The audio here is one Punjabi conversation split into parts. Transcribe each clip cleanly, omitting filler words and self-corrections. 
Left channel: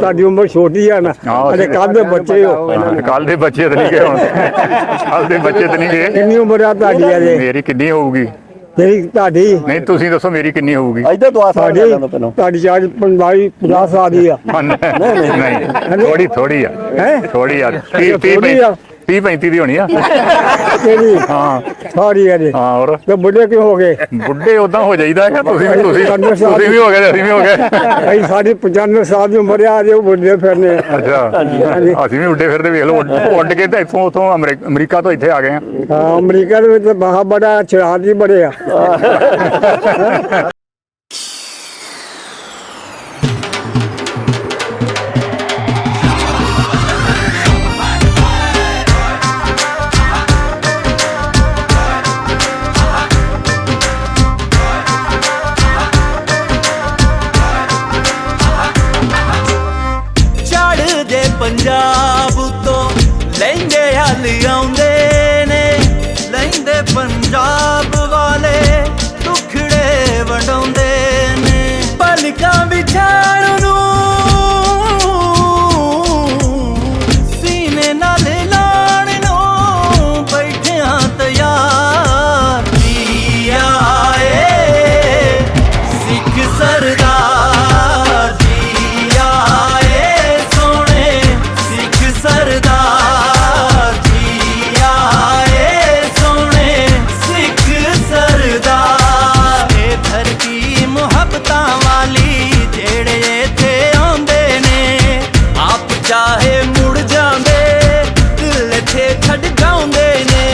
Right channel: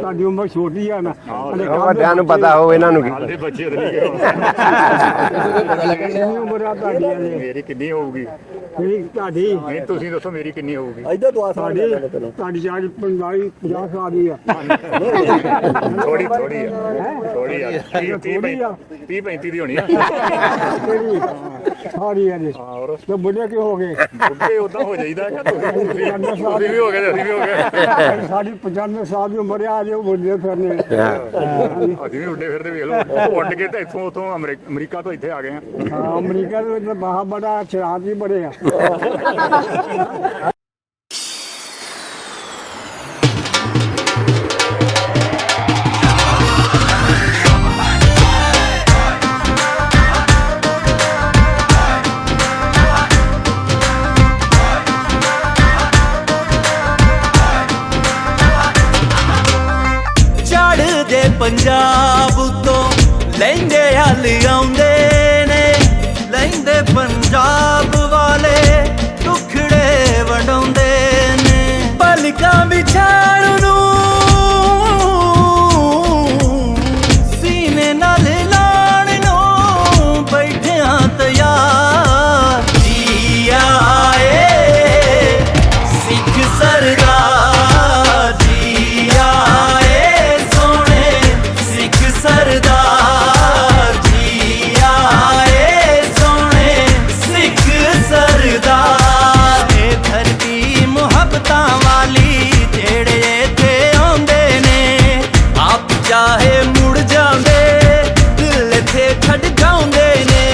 ਸਾਡੀ ਉਮਰ ਛੋਟੀ ਆ ਨਾ ਅਜੇ ਕੱਲ ਦੇ ਬੱਚੇ ਇਹਨਾਂ ਨੂੰ ਕੱਲ ਦੇ ਬੱਚੇ ਤਾਂ ਨਹੀਂ ਗਏ ਹੁਣ ਕੱਲ ਦੇ ਬੱਚੇ ਤਾਂ ਨਹੀਂ ਗਏ। ਕਿੰਨੀ ਉਮਰ ਆ ਤੁਹਾਡੀ ਅਜੇ? ਮੇਰੀ ਕਿੰਨੀ ਹੋਊਗੀ? ਤੇਰੀ ਤੁਹਾਡੀ ਨਹੀਂ ਤੁਸੀਂ ਦੱਸੋ ਮੇਰੀ ਕਿੰਨੀ ਹੋਊਗੀ? ਤੁਹਾਡੀ ਚਾਰਜ 50 ਸਾਲ ਦੀ ਆ। ਨਹੀਂ ਥੋੜੀ ਆ ਥੋੜੀ ਆ 30 35 ਦੀ ਹੋਣੀ ਆ। ਕਿਹੜੀ? ਹਾਂ ਸਾਰੀ ਆ ਜੀ। ਹਾਂ ਹੋਰ ਤੇ ਬੁੱਢੇ ਕਿਉਂ ਹੋ ਗਏ? ਬੁੱਢੇ ਉਦਾਂ ਹੋ ਜਾਈਦਾ ਹੈ। ਤੁਸੀਂ ਵੀ ਹੋ ਗਏ ਅਸੀਂ ਵੀ ਹੋ ਗਏ। ਅਸੀਂ ਸਾਡੀ 95 ਸਾਲ ਦੀ ਉਮਰ ਆ ਜੇ ਬੁੱਢੇ ਫਿਰਨੇ। ਅਸੀਂ ਵੀ ਉੱਡੇ ਫਿਰਦੇ ਵੇਖ ਲਓ ਉੱਡ ਕੇ ਤਾਂ ਇੱਥੋਂ ਉੱਥੋਂ ਅਮਰੀਕਾ ਤੋਂ ਇੱਥੇ ਆ ਗਏ ਆ। ਹਾਂ ਅਮਰੀਕਾ ਦੇ ਵਿੱਚ ਬਾਹਰ ਬੜਾ ਸ਼ਰਾਰਤੀ ਬੜੇ ਆ। ਪੰਜਾਬ ਤੋਂ ਲਹਿੰਦੇ ਹਲ ਆਉਂਦੇ ਨੇ, ਲਹਿੰਦੇ ਪੰਜਾਬ ਵਾਲੇ ਟੁਕੜੇ ਵੰਡਾਉਂਦੇ ਨੇ। ਪਲਕਾਂ ਵਿਛਾਣ ਨੂੰ ਸੀਨੇ ਨਾਲ ਲਾਣ ਨੂੰ ਬੈਠਿਆਂ ਤਿਆਰ ਜੀ ਆਏ ਸਿੱਖ ਸਰਦਾਰ ਜੀ ਆਏ ਸਰਦਾਰ ਜੀ ਆਏ ਸੋਹਣੇ ਸਿੱਖ ਸਰਦਾਰ। ਇਹ ਧਰਤੀ ਮੁਹੱਬਤਾਂ ਵਾਲੀ ਜਿਹੜੇ ਇੱਥੇ ਆਉਂਦੇ ਨੇ, ਆਪ ਚਾਹੇ ਮੁੜ ਜਾਂਦੇ ਦਿਲ ਇੱਥੇ ਛੱਡ ਜਾਉਂਦੇ ਨੇ।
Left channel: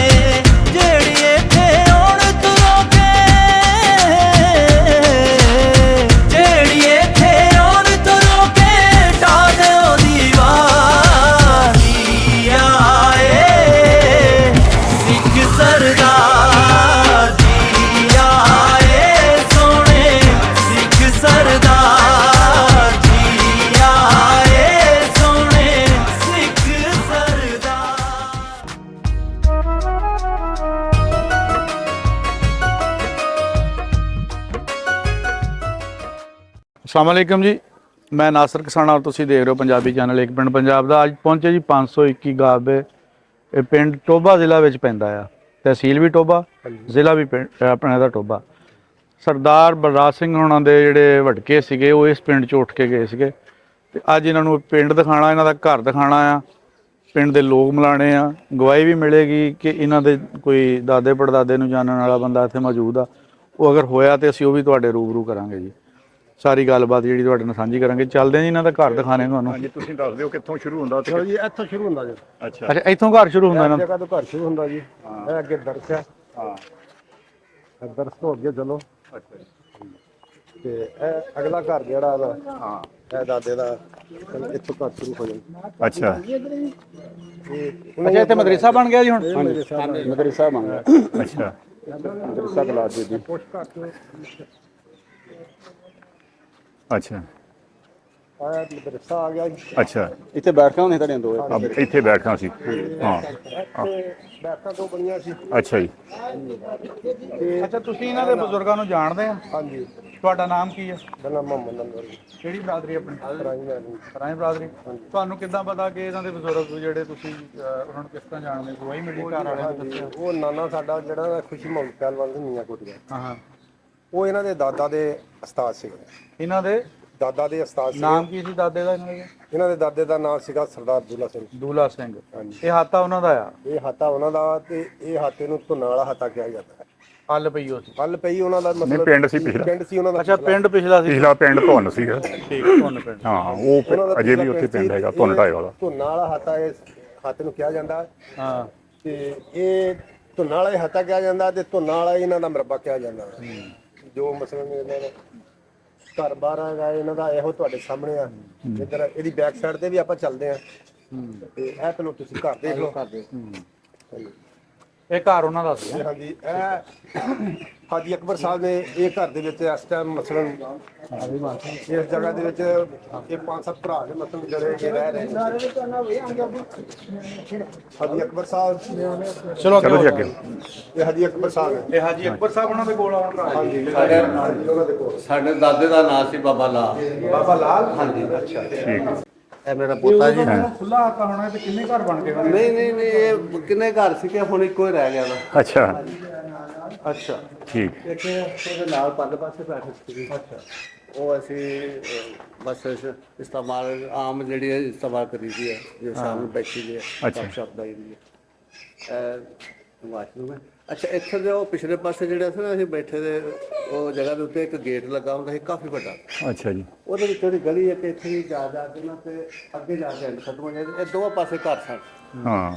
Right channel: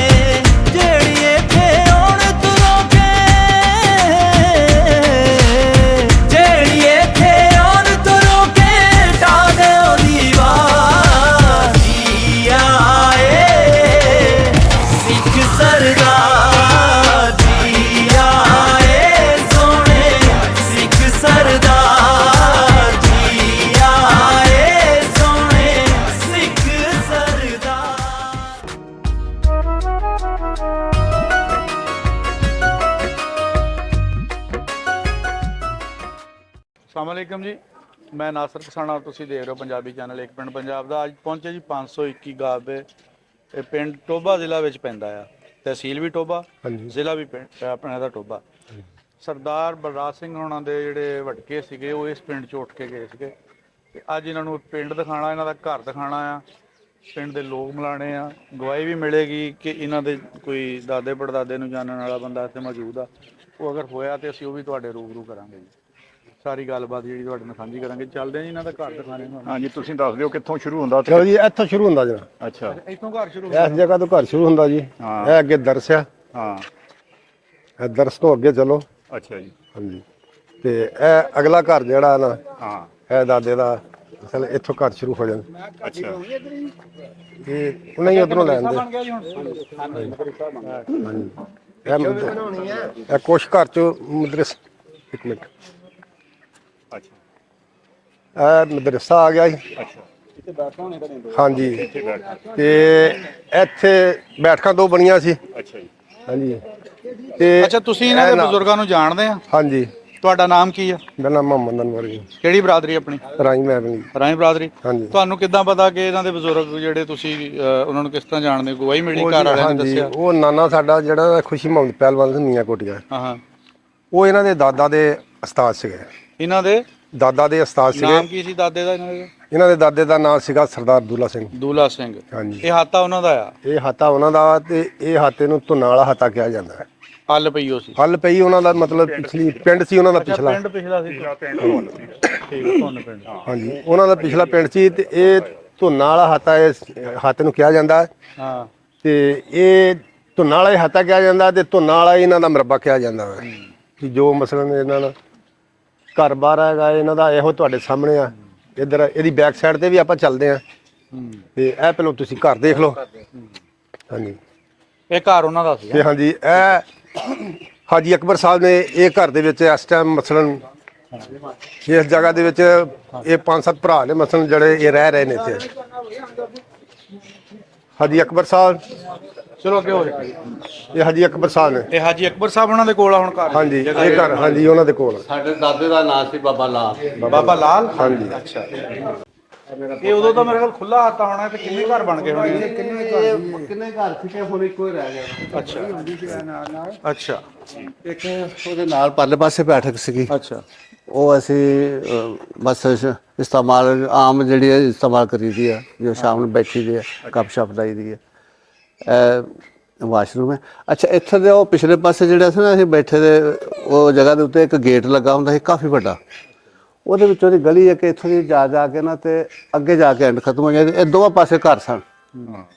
ਜਿਹੜੀ ਇੱਥੇ ਆਉਣ ਤੁਰੋਂ ਕੇ, ਜਿਹੜੀ ਇੱਥੇ ਆਉਣ ਤੁਰੋਂ ਕੇ ਢਾ ਦਿਓ ਦੀਵਾਰ ਸਰਦਾਰ ਜੀ ਆਏ ਸੋਹਣੇ ਸਿੱਖ ਸਰਦਾਰ ਜੀ ਆਏ ਸੋਹਣੇ ਸਿੱਖ ਸਰਦਾਰ। ਅਸਲਾਮ ਵਾਲੇਕਮ ਜੀ, ਮੈਂ ਨਾਸਰ ਕਿਸਾਨਾ ਔਰ ਤੁਸੀਂ ਦੇਖ ਰਹੇ ਹੋ ਪੰਜਾਬੀ ਚੈਨਲ ਇੱਕ ਪਿੰਡ ਪੰਜਾਬ ਦਾ। ਅੱਜ ਪਹੁੰਚੇ ਜੀ 521 ਗਾਬੇ। ਇਹ ਪਿੰਡ ਟੋਭਾ ਜ਼ਿਲ੍ਹਾ ਵਿੱਚ ਪੈਂਦਾ ਆ, ਤਹਿਸੀਲ ਵੀ ਟੋਭਾ, ਜ਼ਿਲ੍ਹਾ ਵੀ ਆਪਣੇ ਦਾ ਟੋਭਾ। ਸਰਦਾਰ ਬਲਰਾਜ ਸਿੰਘ ਹੋਣਾ ਦੇ ਜਿਹੜੇ ਵਟਕੇ ਸੀਗੇ ਉਹ ਇਸ ਪਿੰਡ 'ਚ ਉੱਠ ਕੇ ਗਏ ਸੀਗੇ ਤੇ ਅੱਜ ਇਹਨਾਂ ਨੂੰ ਪਿੰਡ ਦਿਖਾਉਣਾ, ਇਹਨਾਂ ਦਾ ਘਰ ਦਿਖਾਉਣਾ ਆ, ਪਿੰਡ ਦੇ ਲੋਕ ਮਿਲਾਣੇ ਆ। ਗਵਾਹੀ ਵੀ ਮਿਲੇਗੀ ਕਿ ਇਹਨਾਂ ਦੇ ਕੋਈ ਦਾਦੇ ਪੜਦਾਦੇ ਨੂੰ ਜਾਣਨ ਵਾਲਾ ਬੰਦਾ ਇੱਥੇ ਮੌਜੂਦ ਆ। ਉਹ ਅਗਰ ਹੋਇਆ ਤੇ ਅਸੀਂ ਉਹ ਵੀ ਤੁਹਾਡੇ ਰੂਬਰੂ ਕਰਾਂਗੇ ਜੀ। ਸਾਰੀ ਗੱਲਬਾਤ ਜਿਹੜੀ ਤੁਹਾਡੇ ਨਾਲ ਸਾਂਝੀ ਕਰਾਂਗੇ। ਚੱਲਦੇ ਆ ਜੀ ਇਹਨਾਂ ਦਾ ਘਰ ਦਿਖਾਣੇ ਤੁਹਾਨੂੰ। ਹਾਂਜੀ ਤੁਸੀਂ ਦੱਸ ਦਿਓ ਕਿੱਥੋਂ ਸ਼ੁਰੂ ਹੁੰਦਾ? ਚਲੋ ਜੀ ਇੱਥੋਂ ਸ਼ੁਰੂ ਹੁੰਦਾ ਜੀ। ਅੱਛਾ ਅੱਛਾ ਇੱਥੋਂ ਘਰ ਸ਼ੁਰੂ ਹੁੰਦਾ? ਇਸ ਜਗ੍ਹਾ ਤੋਂ ਘਰ ਸ਼ੁਰੂ ਹੁੰਦਾ ਜੀ। ਇਹ ਅੱਗੇ ਦਰਸ ਆ। ਹਾਂ ਇਹ ਦਰਸ ਤੋਂ ਅੱਗੇ ਚਲੋ। ਅੱਛਾ ਜੀ। ਹਾਂਜੀ ਤੇ ਇਹ ਅਗਲਾ ਘਰ ਜਿਹੜਾ ਨਾ ਇਹ ਦਾਦੇ ਦਾ ਇੱਥੋਂ ਘਰ ਸ਼ੁਰੂ ਹੋ ਜਾਂਦਾ। ਅੱਛਾ ਇੱਥੇ ਮਦਰਸਾ ਬਣ ਗਿਆ ਜੀ ਹੁਣ? ਮਦਰਸਾ ਬਣ ਗਿਆ। ਅੱਛਾ ਇਹ ਕੁਛ ਘਰ ਚ ਮਦਰਸਾ ਇੱਕ ਮਿੰਟ ਅੱਛਾ ਇਹ ਮਦਰਸਾ ਆ ਗਿਆ ਜੀ। ਅੱਛਾ ਇੱਥੇ ਬੈਠਕਾਂ ਹੁੰਦੀਆਂ ਤੁਹਾਡੀਆਂ ਦੋ? ਹਾਂਜੀ ਇੱਥੇ ਬੈਠਕਾਂ ਸੀ ਤੇ ਇੱਥੇ ਬੈਠਕਾਂ ਦੋ ਬਣੀਆਂ ਸੀ। ਅੱਛਾ ਜੀ। ਹਾਂਜੀ ਤੇ ਅੱਛਾ ਤੁਸੀਂ ਇਹਨਾਂ ਦੇ ਬਜ਼ੁਰਗਾਂ ਨੂੰ ਜਾਣਦੇ ਆ? ਹਾਂਜੀ। ਤੁਹਾਡਾ ਨਾਮ ਕੀ ਆ? ਮੇਰਾ ਨਾਮ ਮੁਹੰਮਦ ਅਨਵਰ ਜੀ। ਕਿਹੜੀ ਬਰਾਦਰੀ ਆਪਣੀ? ਰਾਈ ਮਹਿਬਨੀ। ਰਾਈ ਬਰਾਦਰੀ। ਹਾਂਜੀ। ਤੁਹਾਨੂੰ ਕਿੱਦਾਂ ਪਤਾ ਕਿ ਇਹਨਾਂ ਦੇ ਬਜ਼ੁਰਗ ਜਿਹੜੇ ਤੁਸੀਂ ਉਹਨਾਂ ਨੂੰ ਕਿਸ ਤਰ੍ਹਾਂ ਜਾਣਦੇ? ਗਵਾਹੀ ਮਿਲੀ ਘਰ ਵਾਲਿਆਂ ਨੇ ਦੱਸਿਆ? ਉਹ ਨਾਨਾ ਸਾਡਾ ਜਿਹੜਾ ਖੁਸ਼ੀ ਮੁਹੰਮਦ ਪਹਿਲਵਾਨ ਸੀ ਮੀਆਂ ਕੋਟੀਆਂ, ਹਾਂ ਉਹ ਇਹਨਾਂ ਦੇ ਦਾਦਾ ਦੇ ਉਸਤਾਦ ਸੀਗੇ। ਇਹਨਾਂ ਦੇ ਦਾਦਾ ਦੇ ਉਸਤਾਦ ਸੀਗੇ। ਨਾਮ ਕੀ ਸੀ ਦਾਦੇ ਦਾ? ਇਹਨਾਂ ਦੇ ਦਾਦੇ ਦਾ ਨਾਮ ਸੀਗਾ ਸਰਦਾਰ ਦੂਲਾ ਸਿੰਘ। ਦੂਲਾ ਸਿੰਘ। ਹਾਂਜੀ। ਇਹ ਹਾਤਾ ਉਹਨਾਂ ਦਾ ਆ? ਇਹ ਹਾਤਾ ਉਹਨਾਂ ਦਾ ਤੇ ਇਹ ਹਾਤੇ ਨੂੰ ਧੁੰਨਾਂ ਵਾਲਾ ਹਾਤਾ ਕਿਹਾ ਜਾਂਦਾ ਹੈ। ਹੱਲ ਪਈ ਉਹ ਸੀ? ਹੱਲ ਪਈ ਉਹਨਾਂ ਦਾ ਮਤਲਬ ਪਿੰਡ ਸੀ ਪਿਛਲਾ। ਪਿੰਡ ਸੀ ਉਹਨਾਂ ਦਾ ਅੱਛਾ ਪਿਛਲਾ। ਪਿੰਡ ਪਿਛਲਾ ਸੀ? ਪਿਛਲਾ ਪਿੰਡ ਧੁੰਨ ਸੀਗਾ। ਠੀਕ ਧੁੰਨ ਪਿੰਡ। ਹਾਂ ਉਹਨਾਂ ਦਾ ਪਿਛਲਾ ਪਿੰਡ ਸੀ ਤੇ ਇਹ ਧੁੰਨਾਂ ਵਾਲਾ ਹਾਤਾ ਇਸ ਹਾਤੇ ਨੂੰ ਕਿਹਾ ਜਾਂਦਾ ਹੈ। ਹਾਂ ਤੇ ਇਹ ਧੁੰਨਾਂ ਵਾਲਾ ਹਾਤਾ ਕਿਹਾ ਜਾਂਦਾ ਤੇ ਧੁੰਨਾਂ ਵਾਲਾ ਇਹਨਾਂ ਦਾ ਮਰਬਾ ਕਿਹਾ ਜਾਂਦਾ ਹੈ। ਕਿ ਜੋ ਮਸਲਨ ਇਹਨਾਂ ਨਾਲ ਘਰ ਬਾਹਰ ਹੈਗਾ ਇਹਨਾਂ ਦਾ ਇਹੋ ਤੁਹਾਡੇ ਸਾਹਮਣੇ ਆ। ਇੱਧਰ ਇਹਦੀ ਬੈਕ ਸਾਈਡ ਤੇ ਵੀ ਆਪਾਂ ਚੱਲਦੇ ਆ ਤੇ ਇਹ ਪਹਿਲਾਂ ਤੁਸੀਂ ਘਰ ਦੇਖ ਲਓ। ਹਾਂਜੀ ਇਹ ਘਰ ਉਹਨਾਂ ਦਾ ਸੀ? ਤੇ ਹਾਂਜੀ ਇਹ ਹਾਜੀ ਅਕਬਰ ਸਾਹਿਬ ਨੇ ਇਹ ਘਰ ਦੇ ਵਿੱਚ ਇਸ ਟਾਈਮ ਮਸਲਨ ਇਸ ਜਗ੍ਹਾ ਦੇ ਵਿੱਚ ਇਹ 5-7 ਭਰਾ ਨੇ ਮਸਲਨ ਜਿਹੜੇ ਇਹ ਰਹਿ ਰਹੇ ਨੇ ਇੱਥੇ। ਹਾਜੀ ਅਕਬਰ ਸਾਹਿਬ, ਚਲੋ ਅੱਗੇ ਹੋ ਜਾਓ। ਇਹ ਹਾਜੀ ਅਕਬਰ ਸਾਹਿਬ ਨੇ। ਇਹ ਹਾਜੀ ਅਕਬਰ ਸਾਹਿਬ ਉਹਨਾਂ ਦੇ ਕੋਲ ਆ ਹੁਣ ਘਰ। ਹਾਂਜੀ ਇਹ ਘਰ, ਹਾਂਜੀ ਉਹਨਾਂ ਦੇ ਕੋਲ। ਸਾਡੇ ਦਾਦੇ ਦਾ ਨਾਮ ਸੀ ਬਾਬਾ ਲਾਲ। ਬਾਬਾ ਲਾਲ। ਹਾਂਜੀ ਅੱਛਾ ਠੀਕ ਹੈ। ਇਹ ਉਦੋਂ ਤਾਂ ਮੇਰੇ ਕੋਲ ਖੁੱਲਾ ਆਤਾ ਹੋਣਾ ਤੇ ਕਿੰਨੇ ਘਰ ਬਣ ਗਏ ਹੋਣੇ? ਨਹੀਂ ਇਹ ਕਿੰਨੇ ਘਰ ਸੀ ਕਿ ਹੁਣ ਇੱਕੋ ਹੀ ਰਹਿ ਗਿਆ ਵਾ। ਅੱਛਾ ਅੱਛਾ ਠੀਕ। ਇੱਕ ਉਹਦੇ ਨਾਲ ਪਰਲੇ ਪਾਸੇ ਬੈਠਕ ਸੀਗੀ, ਅੱਛਾ ਉਹ ਅਸੀਂ ਬਸ ਇਸਤੇਮਾਲ ਆਮ ਜਿਹੜੀ ਹੈ ਇਸਤੇਮਾਲ ਕਰੀਦੀ ਆ, ਜੋ ਸ਼ਾਮ ਨੂੰ ਬੈਠੀ ਦੀ ਹੈ, ਕੱਪ ਸ਼ਪ ਲਾਈ ਦੀ ਹੈ। ਵਾਸ਼ਰੂਮ ਹੈ। ਅੱਛਾ ਇੱਥੇ ਦੇ ਉਹ ਪਿਛਲੇ ਪਾਸੇ ਜਿਹੜਾ ਸੀ ਨਾ ਅਸੀਂ ਬੈਠੇ ਦੇ, ਉਹ ਜਗ੍ਹਾ ਦੇ ਉੱਤੇ ਇੱਕ ਗੇਟ ਲੱਗਾ ਹੁੰਦਾ ਸੀ ਕਾਫੀ ਵੱਡਾ। ਅੱਛਾ ਜੀ। ਉਹਦੇ ਵਿੱਚੋਂ ਦੀ ਗਲੀ ਹੈ ਕਿ ਇੱਥੋਂ ਦੀ ਜਾ ਕੇ ਨਾ ਤੇ ਅੱਗੇ ਜਾ ਕੇ ਐਂਡ ਖਤਮ ਹੋ ਜਾਂਦੀ। ਇਹ ਦੋਵਾਂ ਪਾਸੇ ਘਰ ਸਨ ਹਾਂ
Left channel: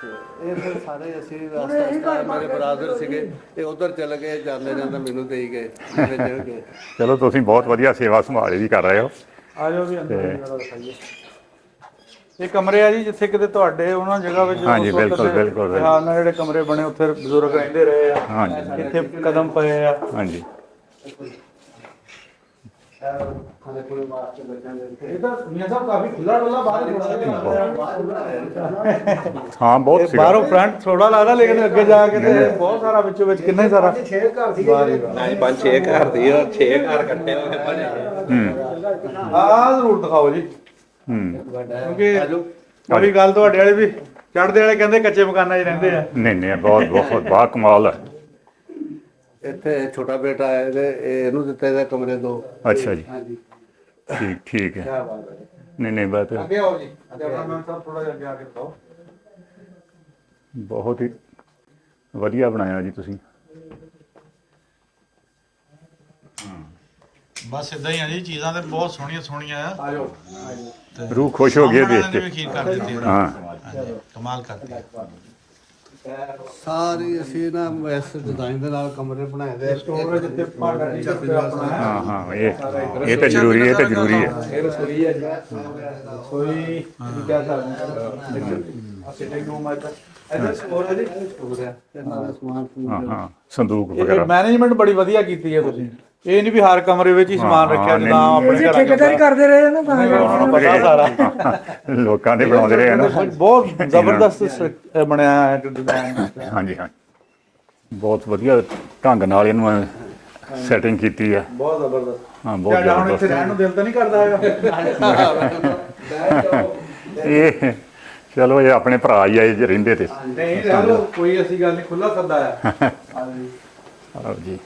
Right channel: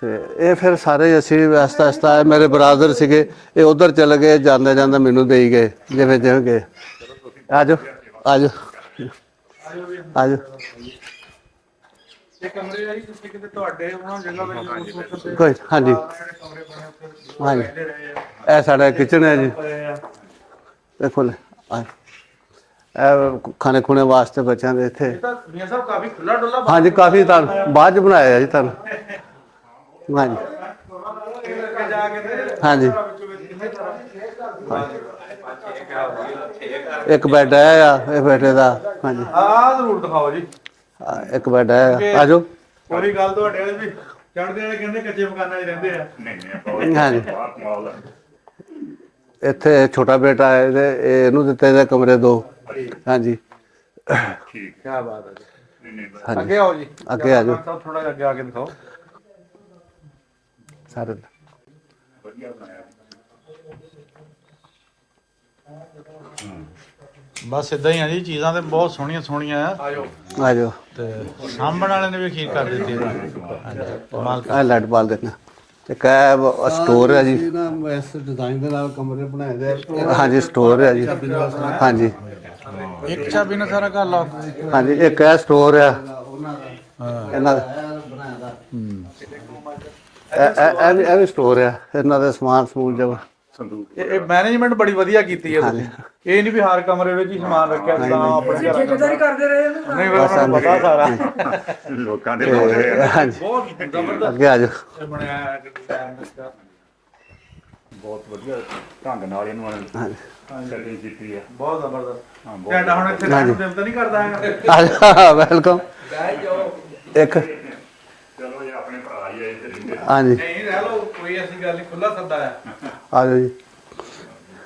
ਤੇ ਇਹ ਫਿਰ ਸਾਰੇ ਅਸੀਂ ਆਸਤਾ ਮੇਰੇ ਬਰਾਦਰ ਸੀਗੇ, ਇਹ ਉਧਰ ਚਲੇ ਗਏ, ਜਾਂਦੇ ਜਾਂਦੇ ਮੈਨੂੰ ਦੇਈ ਗਏ ਜਿਵੇਂ ਜਿਵੇਂ ਗਏ। ਚਲੋ ਤੁਸੀਂ ਬਹੁਤ ਵਧੀਆ ਸੇਵਾ ਸੰਭਾਲ ਵੀ ਕਰ ਰਹੇ ਹੋ। ਆ ਜਾਓ ਵੀ ਅੰਦਰ। ਆ ਜਾਓ। ਇਹ ਕਮਰੇ ਆ ਜੀ ਜਿੱਥੇ ਕਿਤੇ ਤੁਹਾਡੇ ਉਹਨਾਂ ਜਗ੍ਹਾ ਵਿੱਚ ਹਾਂਜੀ, ਬਿਲਕੁਲ, ਬਿਲਕੁਲ। ਹਾਂਜੀ ਜਿਹੜੇ ਕਮਰੇ ਬਣੇ ਉੱਥੇ ਬਜ਼ੁਰਗ ਰਹਿੰਦੇ ਰਹੇ ਆ। ਇਹ ਸਾਡਾ ਕਿਚਨ ਹੈ ਜੀ। ਪਏ ਆ। ਹਾਂਜੀ ਦੇਖੋ ਲੈ ਇਹ ਖਾਣੇ ਖੁਣੇ ਵਾਸਤੇ ਬੱਚਿਆਂ ਦੇ ਇੱਥੇ। ਇਹ ਤਾਂ ਮੀਆਂ ਸਾਹਿਬ ਕਾਫੀ ਖੁੱਲਾ ਡੁੱਲਾ। ਹਾਂਜੀ ਕਾਫੀ ਤਾਂ ਬਾਅਦ ਚ ਬਣਾਇਆ ਜੀ ਤਾਂ। ਹਾਂ ਬਹੁਤ ਬਾਹਰੋਂ ਫਰੰਟ ਥੋੜਾ ਲੱਗਦਾ ਲੇਕਿਨ ਅੱਗੇ ਜਾ ਕੇ ਤੇ ਬਹੁਤ ਹਾਂਜੀ। ਸਾਰਾ ਵਿੱਚੋਂ ਵਿੱਚ ਕਿੰਨਾ ਹੀ ਸਾਰਾ। ਇੱਕ ਬੈੱਡ ਹੈ ਆ ਇਹ ਬੈੱਡ ਦਾ। ਹਾਂਜੀ ਆਹ ਜ਼ਰੂਰ ਦਿਖਾਓ ਜੀ। ਇੱਕ ਬੈੱਡ ਹੈ। ਆ ਜਾਓ। ਉਹ ਵੀ ਗੱਲ ਤੁਹਾਡੇ ਵਾਲੇ ਵੀ ਚੜ੍ਹਦੇ ਵਾਲੇ ਕਹਿੰਦੇ ਕੱਚੇ ਮਕਾਨਾਂ 'ਚ ਰਹਿੰਦੇ ਆ। ਨਹੀਂ ਬਹੁਤ ਬਹੁਤ ਬਾ ਕਮਾਲ ਹੈ। ਇੱਥੇ ਛੋਟਾ ਬੇਟਾ ਹੈ ਇਹਨੂੰ ਦਿੱਤੇ ਦੇ ਕਮਰੇ 2। ਅੱਛਾ ਜੀ ਹਾਂਜੀ ਠੀਕ ਹੈ। ਕੀ ਬਾਤ ਹੈ। ਨਹੀਂ ਬਾਤ ਅੱਗੇ ਆਓ ਜੀ। ਅੱਗੇ ਆ ਜਾਓ। ਥੋੜਾ ਜਿਹਾ ਅੱਗੇ ਆ ਕੇ ਦਿਖਾਓ। ਬਹੁਤ ਹੀ ਵਧੀਆ ਬਣਾਇਆ ਜੀ ਤੁਸੀਂ। ਬਸ ਇਦਾਂ ਹੀ ਆ ਜੀ, ਚੀਜ਼ਾਂ ਤੇ ਬਹੁਤ ਸੋਹਣੀਆਂ ਸੋਹਣੀਆਂ ਆ। ਆ ਜਾਓ। ਆ ਜਾਓ। ਰੂਹ ਖੁਸ਼ ਹੋ ਗਈ ਸਾਹਮਣੇ ਵਾਲੇ ਨੇ ਦੇਖ ਵੀ ਕੇ। ਖੀਰ ਕਰ ਦਿੱਤੀ। ਹਾਂ ਕਮਾਲ ਕਰ। ਆ ਲਾਈਟ ਬਾਲ ਦੇਖਣਾ। ਇੱਕ ਹੈ ਸਟੋਰ ਹੈ ਜੀ ਨਾ, ਇਸ ਡਿਜ਼ਾਈਨ ਦੇ ਨਾਲ ਕਮਰੇ ਬਣਾਏ ਦੇ। ਹਾਂਜੀ ਸਟੋਰ ਹੈ ਜੀ। ਹਾਂਜੀ ਹਾਂ ਇਹ ਤਾਂ ਜ਼ਰੂਰੀ ਹੈ, ਇਹ ਤਾਂ ਜ਼ਰੂਰੀ ਹੈ। ਹਾਂਜੀ ਇੱਕ ਹੈ ਸਟੋਰ ਹੈ। ਇਹ ਵੀ ਸਟੋਰ ਹੈ, ਇਹਨਾਂ ਦਾ ਸਮਾਨ ਸਮੂਨ ਜਿਹਾ। ਹਾਂ ਸੰਦੂਕ ਇਹ ਵਗੈਰਾ। ਮੈਨੇਜਮੈਂਟ ਬੜੀ ਵਧੀਆ ਕੀਤੀ ਹੈ ਤੁਸੀਂ। ਇਹ ਨਹੀਂ ਵੀ ਹਰ ਕਮਰੇ ਵਿੱਚ ਹੀ ਸਮਾਨ ਰੱਖਿਆ ਨਾ ਆਪਣੇ ਘਰ। ਠੇਕੇਦਾਰੀ ਕਰਦੇ ਰਹੇ ਨਾ ਨਹੀਂ ਉਹਨਾਂ ਨੂੰ ਪਤਾ ਸਾਰਾ। ਲੋਕਾਂ ਦੇ ਬਣਾਉਂਦੇ ਰਹੇ ਨਾ। ਬਹੁਤ ਜ਼ਬਰਦਸਤ ਅੱਗੇ ਆ ਜਾਓ। ਇਹ ਬਣਿਆ ਹੈ ਡਿਜ਼ਾਈਨ। ਹਾਂਜੀ ਬਹੁਤ ਵਧੀਆ ਢੰਗ ਨਾਲ ਇਹਨੂੰ ਸੈਟਿੰਗ ਕੀਤੀ ਹੈ। ਬਹੁਤ ਜ਼ਬਰਦਸਤ। ਹਾਂ ਬਹੁਤ ਕਹਿੰਦਾ ਹੁਣ ਇੱਥੇ ਜ਼ਬਰਦਸਤ। ਰਹਿਣ ਨੂੰ ਦਿਲ ਤਾਂ ਨਹੀਂ ਕਰਦਾ ਹੈਗਾ। ਵੈਲਕਮ। ਇਹ ਚਲੋ ਇਹ ਆਪਣੇ ਭਰਾ ਹੀ ਆਏ ਜੇ ਰਹਿੰਦੇ ਤੇ। ਹਾਂਜੀ ਨਹੀਂ ਰਹਿ ਲਓ, ਕੋਈ ਐਸੀ ਗੱਲ ਨਹੀਂ, ਖੁੱਲਾ ਸੱਦਾ ਹੈ। ਆ ਜਾਓ ਜੀ। ਆਓ ਜੀ।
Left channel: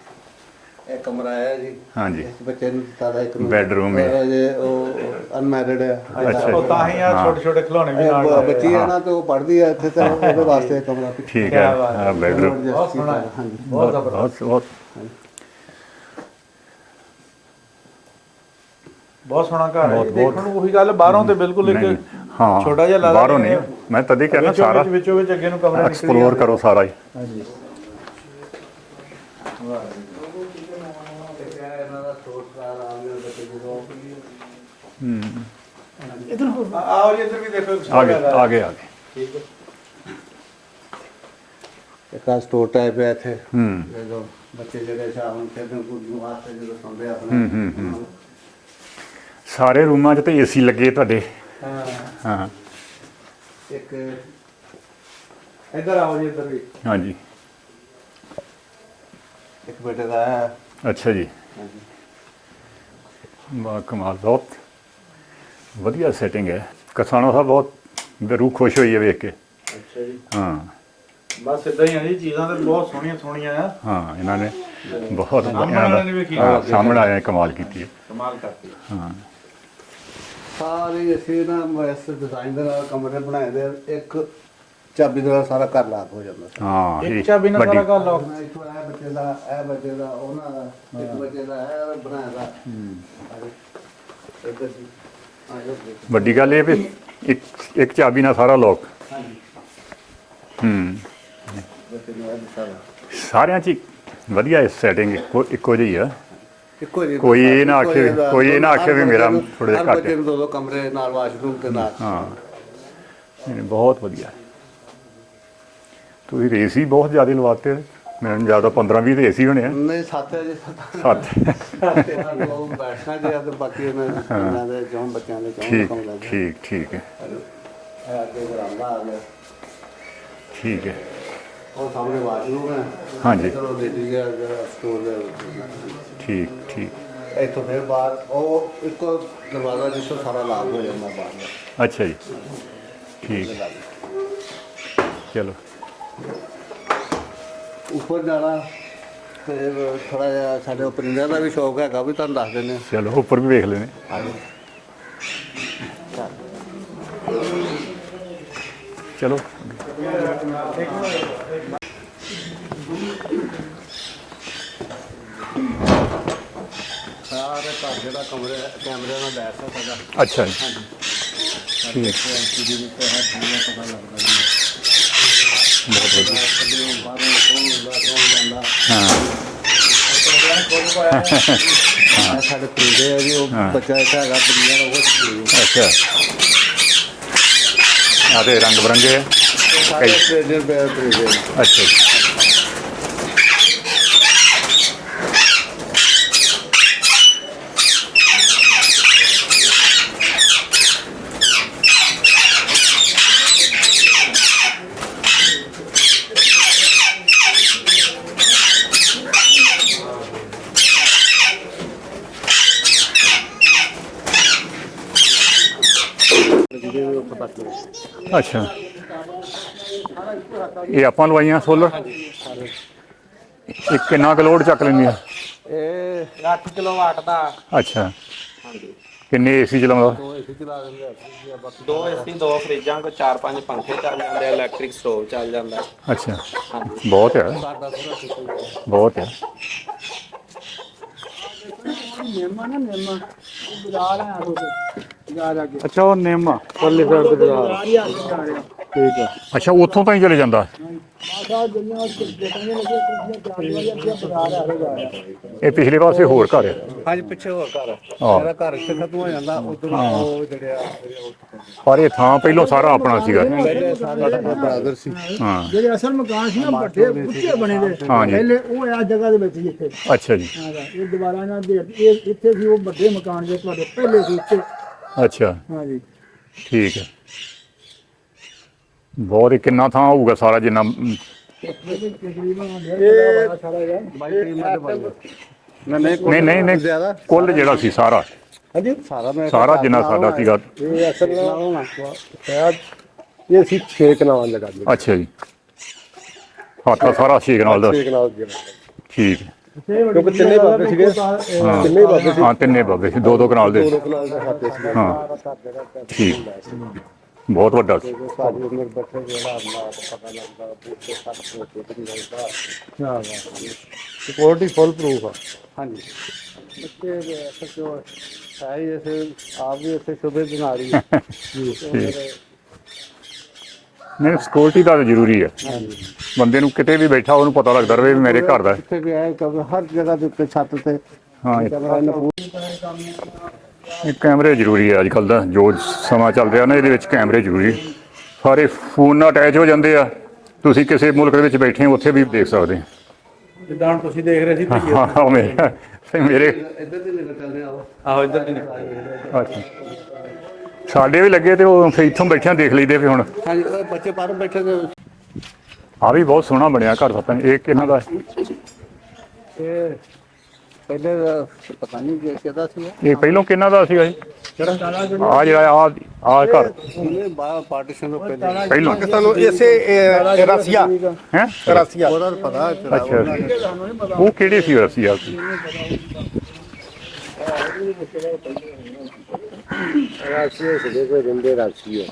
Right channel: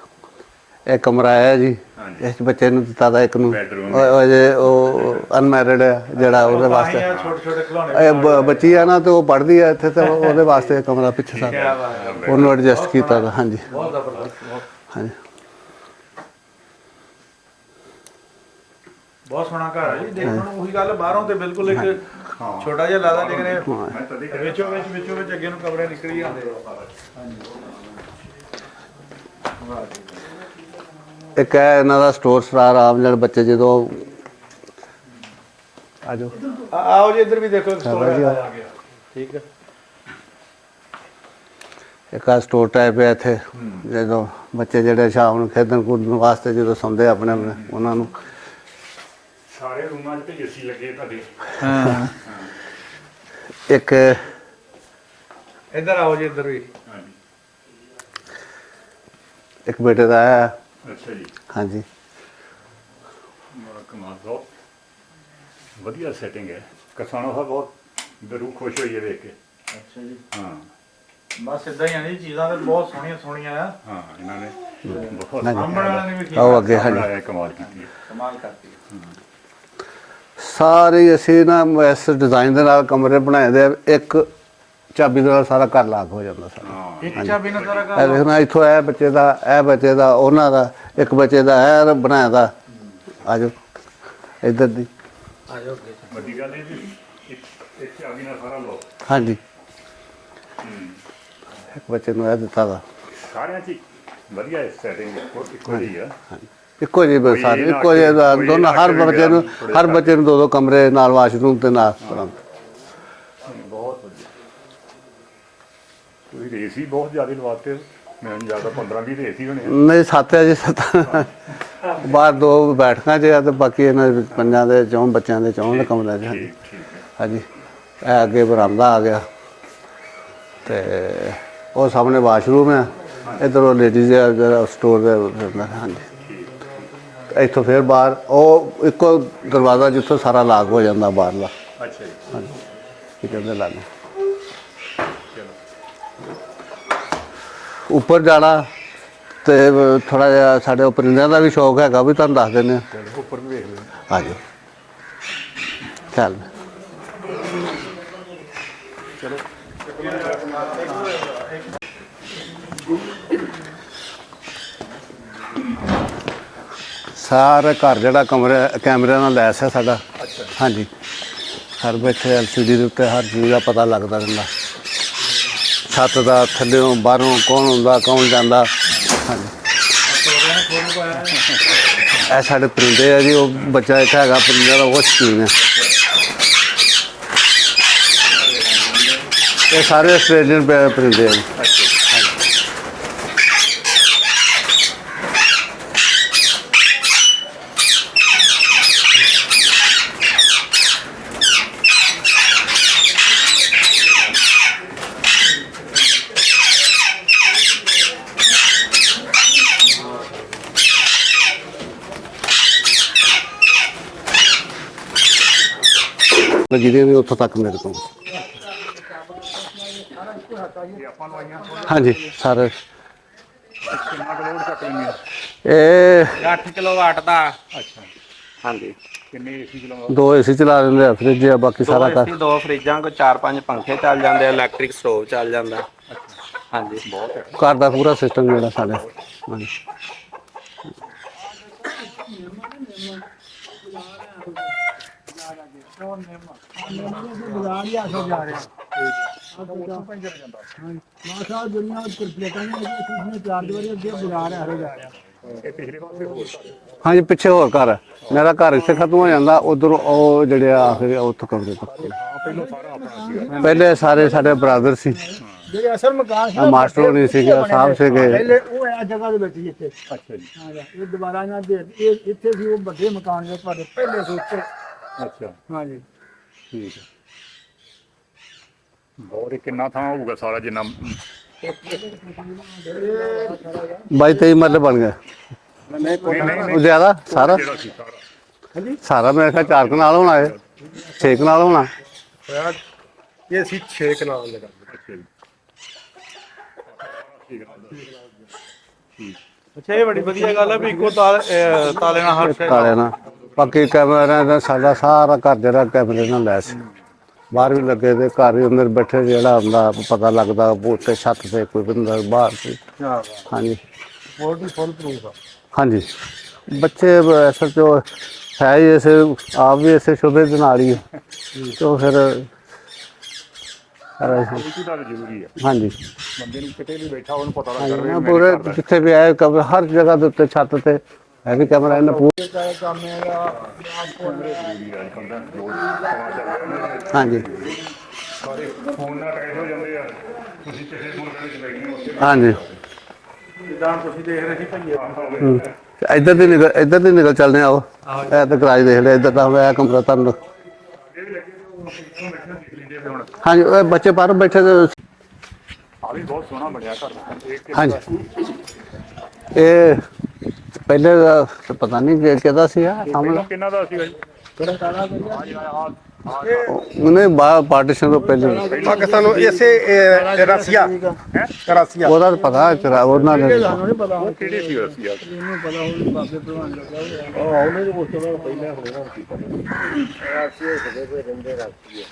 ਇਹ ਕਮਰਾ ਹੈ ਜੀ। ਹਾਂਜੀ ਇਸ ਬੱਚੇ ਨੂੰ ਦਿੱਤਾ ਦਾ ਇੱਕ ਨੂੰ। ਬੈਡਰੂਮ ਉਹ ਜੇ ਉਹ ਅਨਮੈਰਿਡ ਹੈ ਜਿਹੜਾ ਉਹਦੇ ਵਾਸਤੇ। ਛੋਟੇ ਛੋਟੇ ਖਿਡੌਣੇ ਵੀ ਇਹ ਬੱਚੀ ਹੈ ਨਾ ਤੇ ਉਹ ਪੜ੍ਹਦੀ ਹੈ ਇੱਥੇ ਤੇ ਉਹਦੇ ਵਾਸਤੇ ਕਮਰਾ ਪਿੱਛੇ ਠੀਕ ਹੈ। ਹਾਂ, ਉਹਨੂੰ bedroom। ਐਡਜਸਟ ਕੀਤਾ ਦਾ। ਹਾਂਜੀ ਬਹੁਤ ਹਾਂਜੀ ਬਹੁਤ ਸੋਹਣਾ ਘਰ ਹੈ ਜੀ। ਦੇਖਣ ਨੂੰ ਉਹੀ ਗੱਲ, ਬਾਹਰੋਂ ਤੇ ਬਿਲਕੁਲ ਇੱਕ ਹਾਂ ਛੋਟਾ ਜਿਹਾ ਲੱਗਦਾ ਬਾਹਰੋਂ ਨਹੀਂ। ਮੈਂ ਤਦੇ ਕਹਿੰਦਾ ਸਾਰਾ ਵਿੱਚੋਂ ਵਿੱਚ ਅੱਗੇ ਨੂੰ ਕਮਰੇ ਨਿਕਲੀ ਐਕਸਪਲੋਰ ਕਰੋ ਸਾਰਾ ਹੀ। ਹਾਂਜੀ। ਇੱਕ ਹੈ ਇਹਨਾਂ ਦਾ ਸਟੋਰ ਸਟਾਰ ਆਮ ਜਿਹੜੇ ਬੱਚੇ ਜਦੋਂ ਆਓ ਜੀ ਇੱਧਰ ਵੀ ਦੇਖੋ। ਆ ਗਏ ਠੀਕ ਹੈ। ਇੱਕ ਆ ਸਟੋਰ ਟਾਈਪ ਹੈ ਇੱਥੇ। ਜਦੋਂ ਬੱਚੇ ਜਿਹੜੇ ਸ਼ਾਮ ਨੂੰ ਖੇਡਣ ਕੁੱਦਣ ਵਾਸਤੇ ਜਦੋਂ ਸੌਂਦੇ ਆਪਣੇ ਉਹਨਾਂ ਨੂੰ। ਸਾਰੇ ਰੂਮਾਂ 'ਚ ਤੇ ਏਸੀ ਲੱਗੇ ਤੁਹਾਡੇ। ਹਾਂ ਇੱਕ ਇੱਧਰ ਆਓ ਜੀ, ਇੱਧਰ ਵੀ। ਹਾਂਜੀ ਇੱਕ ਬੇਟੇ ਦਾ ਹੈ। ਅੱਛਾ ਜੀ। ਹਾਂਜੀ ਵਾਹ ਕਮਾਲ, ਬਹੁਤ ਵਧੀਆ ਸੈਟਿੰਗ ਹੈ। ਕਸਾਣਾ ਸਾਹਿਬ ਬਹੁਤ ਰੂਹ ਖੁਸ਼ ਹੋਈ ਹੈ ਵੇਖ ਕੇ। ਅੱਛਾ ਜੀ। ਹਾਂ ਬਸ ਇਦਾਂ ਹੀ ਆ ਜੀ, ਚੀਜ਼ਾਂ ਤੇ ਬਹੁਤ ਸੋਹਣੀਆਂ ਸੋਹਣੀਆਂ ਆ। ਹਾਂ ਇਹਨਾਂ ਨੇ ਬਹੁਤ ਸਾਹਮਣੇ ਵਾਲੇ ਨੇ ਵੀ ਕੀ ਉਹ ਅੱਗੇ ਸਾਹਮਣੇ ਆਇਆ ਕਮਾਲ ਕੀਤੀ ਹੈ। ਕਮਾਲ ਕਰਤੀ। ਹਾਂ ਸਾਰੇ ਅਸੀਂ ਨਾ ਇਸ ਡਿਜ਼ਾਈਨ ਦੇ ਨਾਲ ਕਮਰੇ ਬਣਾਏ ਦੇ। ਇੱਕ ਚਾਬੀ ਨਾਲ ਸਾਰਾ ਘਰ ਲਾਕ ਹੋ ਜਾਂਦਾ ਸੀ। ਹਾਂ ਇੱਕ ਚਾਬੀ ਨਾਲ ਸਾਰਾ ਇਹ ਘਰ। ਦੇਖਣਾ ਇੱਥੋਂ ਇਹ ਬੱਚੇ ਦਾ, ਇਹ ਬੱਚੇ ਦਾ, ਉਹਨਾਂ ਦਾ, ਇੱਕ ਬੱਚੇ ਦਾ ਇਹ ਬਣਾਇਆ ਦਾ। ਆ ਜਾਓ ਇੱਧਰ ਦੀ। ਵੱਡੀ ਗੱਲ ਇਹ ਵੀ ਇੱਕ ਚਾਬੀ ਨਾਲ ਸਾਰਾ ਲੋਕ। ਹਾਂਜੀ ਹੂੰ ਇੱਕ ਬੱਚੇ ਨੂੰ ਇਹ ਦਿੱਤਾ ਦਾ। ਸਾਰਿਆਂ 'ਚ ਹੀ ਵਧੀਆ ਸੈਟਿੰਗ ਇੱਕੋ ਜਿਹੀ ਆ। ਇੱਕੋ ਜਿਹੀ ਕੋਈ ਇਹ ਨਾ ਇੱਕੋ ਜਿਹੀ ਦਾ ਕੋਈ ਇਹ ਨਾ ਦੋਨੋਂ, ਹਰ ਆਖੇ ਵੀ ਬੱਚੇ ਮੇਰਾ ਨੂੰ ਥੋੜ੍ਹੇ ਹਰ ਘੱਟ ਬੱਚੇ ਨੂੰ 2-2 ਕਮਰੇ ਨਾਲ ਵਾਸ਼ਰੂਮ ਤੇ ਨਾਲ। ਬਹੁਤ ਵਧੀਆ। ਤੁਸੀਂ ਰੇਸ ਹੀ ਬਹੁਤ ਜ਼ਿਆਦਾ ਲਵਾਤੇ। ਮੈਨੂੰ ਜ਼ਿਆਦਾ 15-20 ਤੇ ਏਸੀ ਹੋਣੇ ਆ। ਨਹੀਂ 7 ਹੈ ਜੀ 7 ਬਾਹਰ 2 ਬੈਠਕਾਂ 'ਚ ਆ ਤੇ ਬਾਕੀ ਇਹਨਾਂ ਦੇ ਪੰਜਾਂ ਦੇ 4 ਬੱਚਿਆਂ ਦੇ 4 ਕਮਰੇ 'ਚ। ਠੀਕ ਠੀਕ ਹੈ। ਹਾਂਜੀ ਇਹ ਅੱਗੇ ਬਰਾਮਦਾ ਆ ਗਿਆ ਤੇ ਉਹ ਸਾਹਮਣੇ ਵਾਸ਼ਰੂਮ ਹੈ। ਹਾਂਜੀ। ਇੱਧਰ ਲੇਡੀਜ਼ ਦਾ ਸਟੋਰ ਦੇ ਅੰਦਰ। ਹਾਂਜੀ ਠੀਕ ਠੀਕ। ਇੱਥੋਂ ਫਿਰ ਬਾਹਰ ਉਹ ਇੱਕੋ ਦਰਵਾਜ਼ਾ ਜਿੱਥੋਂ ਸਾਰਾ ਲਾਗ ਹੋ ਜਾਂਦਾ ਬਾਹਰਲਾ। ਅੱਛਾ ਜੀ। ਇਹਦੇ ਲਾਗ ਚਲੋ ਉੱਪਰ ਜਾਣਾ ਤੇ ਥੋੜਾ ਜਿਹਾ ਸਾਡੇ ਉਹ ਪਰਿੰਦਿਆਂ ਦਾ ਵੀ ਸ਼ੌਕ ਹੈਗਾ ਵੀ ਤੁਹਾਨੂੰ ਦੱਸ ਦਿੰਦੇ ਹਾਂ। ਚਲੋ ਉੱਪਰ ਵੀ ਵੇਖ ਲੈਣੇ। ਹਾਂਜੀ ਚੱਲ ਚਲੋ ਸਾਰਾ ਘਰ ਜਿਹੜਾ ਕੈਮਰਿਆਂ ਨਾਲ ਲੈਸ ਹੈ ਸਾਡਾ। ਅੱਛਾ ਜੀ। ਹਾਂਜੀ ਹਰ ਬੈਠੇ ਐਲਸੀਡੀ ਦੇ ਉੱਤੇ ਹਰ ਚੀਜ਼ ਦਾ ਪਤਾ ਲੱਗਦਾ ਰਹਿੰਦਾ। ਛੱਤ ਦਾ ਥੱਲਿਓਂ ਬਾਹਰੋਂ ਕੌਣ ਹੁੰਦਾ ਕੌਣ ਜਾਂਦਾ। ਇਹ ਸਾਡੇ ਪਰਿੰਦੇ ਆ ਜੀ। ਉਹ ਬੱਚਾ ਇੱਕ ਹੈਗਾ ਪਰਿੰਦੇ ਦਾ ਉਹ ਸ਼ੌਕੀਨ ਹੈ। ਅੱਛਾ ਆ ਤੇ ਰੰਗ ਬਰੰਗੇ ਹੈ। ਇਹ ਸਾਰੇ ਆਸਟ੍ਰੇਲੀਅਨ ਪਰਿੰਦੇ ਆ। ਅੱਛਾ ਜੀ। ਜਿਹਦੇ ਵੀ ਉੱਥੋਂ ਤੱਕ ਮੇਰੇ ਕੋਲ। ਅੱਛਾ ਇਹ ਆਪਾਂ ਲਵਾਈਆਂ ਸੋਲਰ। ਹਾਂਜੀ ਸਾਰੇ ਇਹ ਕਿੰਨਾ ਕੁ ਲੋਡ ਚੱਕ ਲੈਂਦੀਆਂ? ਇਹ 8 ਕਿਲੋਵਾਟ ਦਾ। ਅੱਛਾ ਹਾਂਜੀ ਕਿੰਨੇ ਏਸੀ ਚਲਾਉਂਦਾ? 2 ਏਸੀ ਚਲਾ ਦਿੰਦੇ ਆ, ਫ੍ਰਿਜ ਆ, ਬਾਕੀ ਸਾਰਾ ਦੋ ਕਰ। ਏਸੀ 2 ਫਰਿੱਜਾਂ ਕੋ 4-5 ਪੰਖੇ ਚੱਲ ਜਾਂਦੇ ਆ, ਇਲੈਕਟ੍ਰਿਕ ਸਟੋਵ ਚੱਲ ਜਾਂਦਾ। ਅੱਛਾ ਹਾਂਜੀ ਬਹੁਤ ਹੈ। ਘਰ ਦਾ ਪੂਰਾ ਸਿਸਟਮ ਜਿਹੜਾ ਸਾਡਾ। ਬਹੁਤ ਹੈ। ਹਾਂਜੀ। ਅੱਛਾ ਉਹ ਨਿੰਮ ਪਰਲੇ ਸਾਈਡ ਤੇ ਬਾਜ਼ਾਰ। ਠੀਕ ਹੈ। ਅੱਛਾ ਉੱਥੋਂ ਤਾਂ ਹੀ ਚਲੇ ਜਾਂਦਾ। ਇਹ ਪਿਛਲੇ ਪਾਸੇ ਹੋਰ ਘਰ ਹੈ। ਹਾਂਜੀ ਪਿੱਛੇ ਹੋਰ ਘਰ ਹੈ। ਮੇਰਾ ਘਰ ਇੱਥੇ ਖਤਮ ਹੋ ਜਾਂਦਾ, ਉਧਰ ਉਹ ਜਿਹੜੇ ਆ ਫਿਰ ਉੱਥੋਂ ਕਮਰੇ। ਪਰ ਇਹ ਥਾਂ ਪਹਿਲਾਂ ਸਾਰਾ ਆਪਣਾ ਸੀਗਾ। ਪਹਿਲੇ ਸਾਰੇ ਸਾਡੇ ਬ੍ਰਦਰ ਸੀ। ਹਾਂ ਜਿਹੜੇ ਅਸਲ ਮਕਾਨ ਸੀ ਨਾ ਮਾਸਟਰ ਨਹੀਂ ਸੀਗੇ, ਸਾਹਿਬ ਸੀਗੇ। ਪਹਿਲੇ ਉਹ ਆ ਜਗ੍ਹਾ ਦੇ ਵਿੱਚ ਹੀ ਇੱਥੇ। ਅੱਛਾ ਜੀ। ਇਹ ਦੁਬਾਰਾ ਨਾ ਵੀ ਇਹ ਇੱਥੇ ਸੀ ਉਹ ਵੱਡੇ ਮਕਾਨ ਦੇ ਤੁਹਾਡੇ ਪਹਿਲੇ ਸੀ ਇੱਥੇ। ਅੱਛਾ ਹਾਂਜੀ ਠੀਕ ਹੈ। ਬਹੁਤ ਹੀ ਕਿੰਨਾ ਥਾਂ ਹੋਊਗਾ ਸਾਰਾ ਜਿੰਨਾ? 22-23 ਮਰਲੇ ਬਣ ਗਏ। ਨਹੀਂ ਨਹੀਂ ਨਹੀਂ ਜ਼ਿਆਦਾ ਕੁੱਲ ਸਾਰਾ ਜਿਹੜਾ ਸੀ ਸਾਰਾ ਸਾਰਾ ਮੈਂ ਸਾਰਾ ਘਰ ਜਿੰਨਾ ਨਾਲ ਹੋਣਾ ਸਾਡਾ ਹੈ। 6 ਨਾਲ ਹੋਣਾ। ਇਹ ਅਸੀਂ 6 ਕਨਾਲ ਲਗਾ ਦਿੰਦੇ। ਅੱਛਾ ਜੀ। ਹਾਤਾ ਸਾਰਾ ਛੇਕ ਨਾਲ ਦਾ। 6 ਕਨਾਲ ਜਿਹੜਾ ਠੀਕ ਹੈ। ਅੱਛਾ ਇਹ ਬੜੀ ਵਧੀਆ ਗੱਲ ਹੈ ਵੀ ਇੱਕੋ ਸਾਲ ਕਾਲੇ ਨਾਲ ਹਾਂ ਤਿੰਨੇ ਪਾਸੇ ਸੀ, 2-2 ਕਨਾਲ ਦੇ। ਕੈਮਰਾ ਦਾ ਸਾਡਾ ਸਾਰਾ ਘਰ ਜਿਹੜਾ ਕੈਮਰੇ ਨਾਲ ਲੈਸ। ਬਹੁਤ ਵੱਡਾ। ਦੇ ਘਰ ਦੇ ਅੰਦਰ ਬੈਠੇ ਜਿਹੜਾ ਹੁੰਦਾ ਪਤਾ ਲੱਗਦਾ ਉੱਤੇ ਛੱਤ ਤੇ ਕੋਈ ਬੰਦਾ ਬਾਹਰ ਸੀ। ਹਾਂਜੀ ਸਿਕਿਉਰਿਟੀ ਫੁੱਲ ਪ੍ਰੂਫ ਆ। ਹਾਂਜੀ ਬੱਚੇ ਅਸਲ ਚ ਹੈ ਹੀ ਐਸੇ ਆਪ ਵੀ ਐਸੇ ਸ਼ੁਭੇ ਦੇ ਨਾਲ ਹੀ ਹੈ। तो ਫਿਰ ਨਹੀਂ ਸਿਕਿਉਰਿਟੀ ਦਾ ਤਾਂ ਜ਼ਰੂਰੀ ਹੈ। ਹਾਂਜੀ ਬੰਦੇ ਨੂੰ ਕਿਤੇ ਵੀ ਬੈਠਾ ਉਹਨੂੰ ਪਤਾ ਲੱਗਦਾ ਰਹੇ ਵੀ ਮੇਰੇ ਘਰ ਦਾ ਹੈ। ਜਿੱਥੇ ਵੀ ਆਏ ਹਰ ਜਗ੍ਹਾ ਦੇ ਉੱਤੇ ਛੱਤ ਤੇ ਵੀ ਕੈਮਰਾ ਇਹਨਾਂ ਇਹ ਕੈਮਰੇ ਜ਼ਰੂਰੀ ਹੈ ਅੱਜ ਕੱਲ੍ਹ ਦਾ ਜੋ ਸਮਾਂ ਚੱਲ ਰਿਹਾ ਨਾ ਇਹਦੇ ਵਿੱਚ ਕੈਮਰੇ ਜ਼ਰੂਰੀ। ਸਾਰੇ ਫੋਨ ਨਾਲ ਅਟੈਚ ਹੋ ਜਾਂਦੇ ਆ। ਤੁਸੀਂ ਕਿਸੇ ਮੁਲਕ ਦੇ ਵਿੱਚ ਬੈਠੇ ਹੋ ਉੱਥੇ ਵੀ ਦੇਖ ਸਕਦੇ ਜਿੱਦਾਂ ਤੁਸੀਂ ਦੇਖ ਰਹੇ ਸੀ ਹਾਂ। ਉਵੇਂ ਇੱਧਰ ਦੀ ਨਿਕਲ ਚੱਲਦੇ ਆਓ। ਇਹ ਤਾਂ ਕਰਾਜ ਦੇਖ ਲਿਆ ਇੱਧਰ ਦਾ ਇਹ ਕਮਰਾ ਤੁਹਾਨੂੰ। ਸਾਡੇ ਵੀ ਲੱਗੇ ਤੇ ਉਹ ਫਿਰ ਇੱਥੋਂ ਬੈਠਿਆਂ ਦੇਖ ਲਈਦੇ ਵੀ ਹੁਣ। ਹਾਂਜੀ ਉਹ ਬੱਚੇ ਬਾਹਰ ਬੈਠੇ ਤੇ ਆ ਵੀ ਬਹੁਤ ਸੋਹਣਾ ਬਣਿਆ ਘਰ ਪਤਾ ਨਹੀਂ ਇਹ ਕਿੰਨਾ ਦਾ? ਇਹ ਪਹਿਲੇ ਦਾ ਪਤਾ ਨਹੀਂ ਕਿਹਦਾ ਸੀ ਇਹ ਪਹਿਲੋਂ ਕਿੰਨਾ ਦਾ ਸੀਗਾ ਜੀ? ਆ ਜਿਹੜਾ ਆ ਘਰ ਉਹਨੇ ਬਾਹਰ ਪਾਰਟੀਸ਼ਨ ਤੋਂ ਪਹਿਲੇ ਪਹਿਲਾਂ ਪਾਕਿਸਤਾਨ ਨੂੰ ਇਸੇ ਰਸੀਆ ਹੈ ਰਸੀਆ ਉਹਦਾ ਤਾਂ ਪਤਾ ਚਲਾ ਉਹਨਾਂ ਨੇ ਉਹ ਕਿਹੜੇ ਸੀ ਅਸੀਂ ਆ?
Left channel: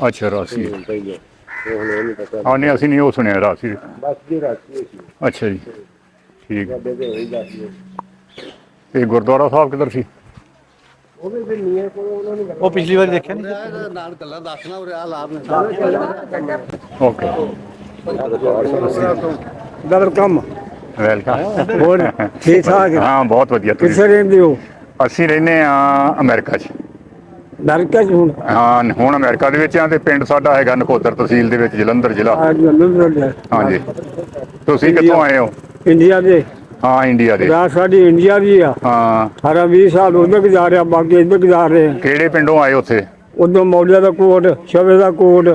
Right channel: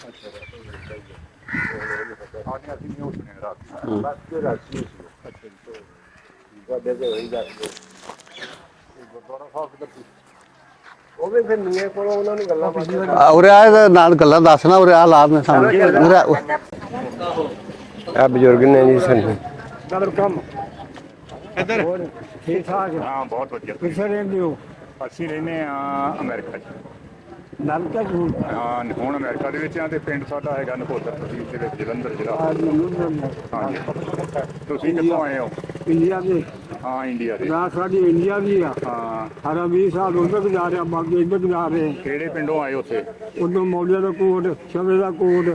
ਅੱਛਾ ਰਾਸੀ ਹਾਂ ਨਹੀਂ ਅਸੀਂ ਨਹੀਂ ਉਹ ਸੁਣਿਆ ਰਾਸੀ। ਅੱਛਾ ਜੀ ਠੀਕ ਹੈ। ਇਹ ਗੁਰਦੁਆਰਾ ਸਾਹਿਬ ਕਿੱਧਰ ਸੀ? ਉਹ ਪਿਛਲੀ ਵਾਰ ਉਰੇ ਆ ਨਾਲ ਗੱਲਾਂ ਦੱਸਣਾ ਉਰੇ ਆ ਲਾਭ ਨੇ ਸਾਨੂੰ ਉਰੇ ਓਕੇ ਆ ਬਜ਼ੁਰਗ ਨੇ ਜੀ ਸਾਨੂੰ ਵੈਲਕਮ। ਵੈਲਕਮ। ਹੋਰ ਠੀਕ ਠਾਕ ਹੈ? ਹਾਂ ਬਹੁਤ ਵਧੀਆ। ਕਿੱਥੇ ਤੁਸੀਂ? ਰਹਿੰਦੇ ਹੋ? ਅਸੀਂ ਰਹਿੰਦੇ ਆ ਅਮਰੀਕਾ 'ਚ। ਅਮਰੀਕਾ ਚ ਹੁਣ? ਹਾਂ ਹੁਣ ਅਮਰੀਕਾ ਦੇ ਵਿੱਚ ਆ ਤੇ ਪਿੰਡ ਸਾਡਾ ਹੈਗਾ ਨਕੋਦਰ ਤਹਿਸੀਲ ਦੇ ਵਿੱਚ ਜਲੰਧਰ ਜ਼ਿਲ੍ਹਾ। ਆ ਜਲੰਧਰ ਦੇ। ਹਾਂਜੀ ਤੁਸੀਂ ਕਿੱਥੋਂ ਆਏ ਹੋ? ਇੰਡੀਆ ਦੇ ਹਾਂ ਇੰਡੀਆ ਦੇ ਵਿਆਹ ਸਾਡੀ ਇੰਡੀਆ ਦੀ ਆ। ਹਾਂ 18-20 ਸਾਲ ਉਹਦੇ ਗੁਜ਼ਾਰਿਆ, ਬਾਕੀ ਇੱਧਰ ਗੁਜ਼ਾਰ ਰਹੇ। ਕਿਹੜੇ ਪਿੰਡੋਂ ਆਏ ਉੱਥੇ? ਉਦੋਂ ਮੌਲਿਆ ਦਾ ਕੋਟ, ਸ਼ਵੇ ਦਾ ਕੋਟ,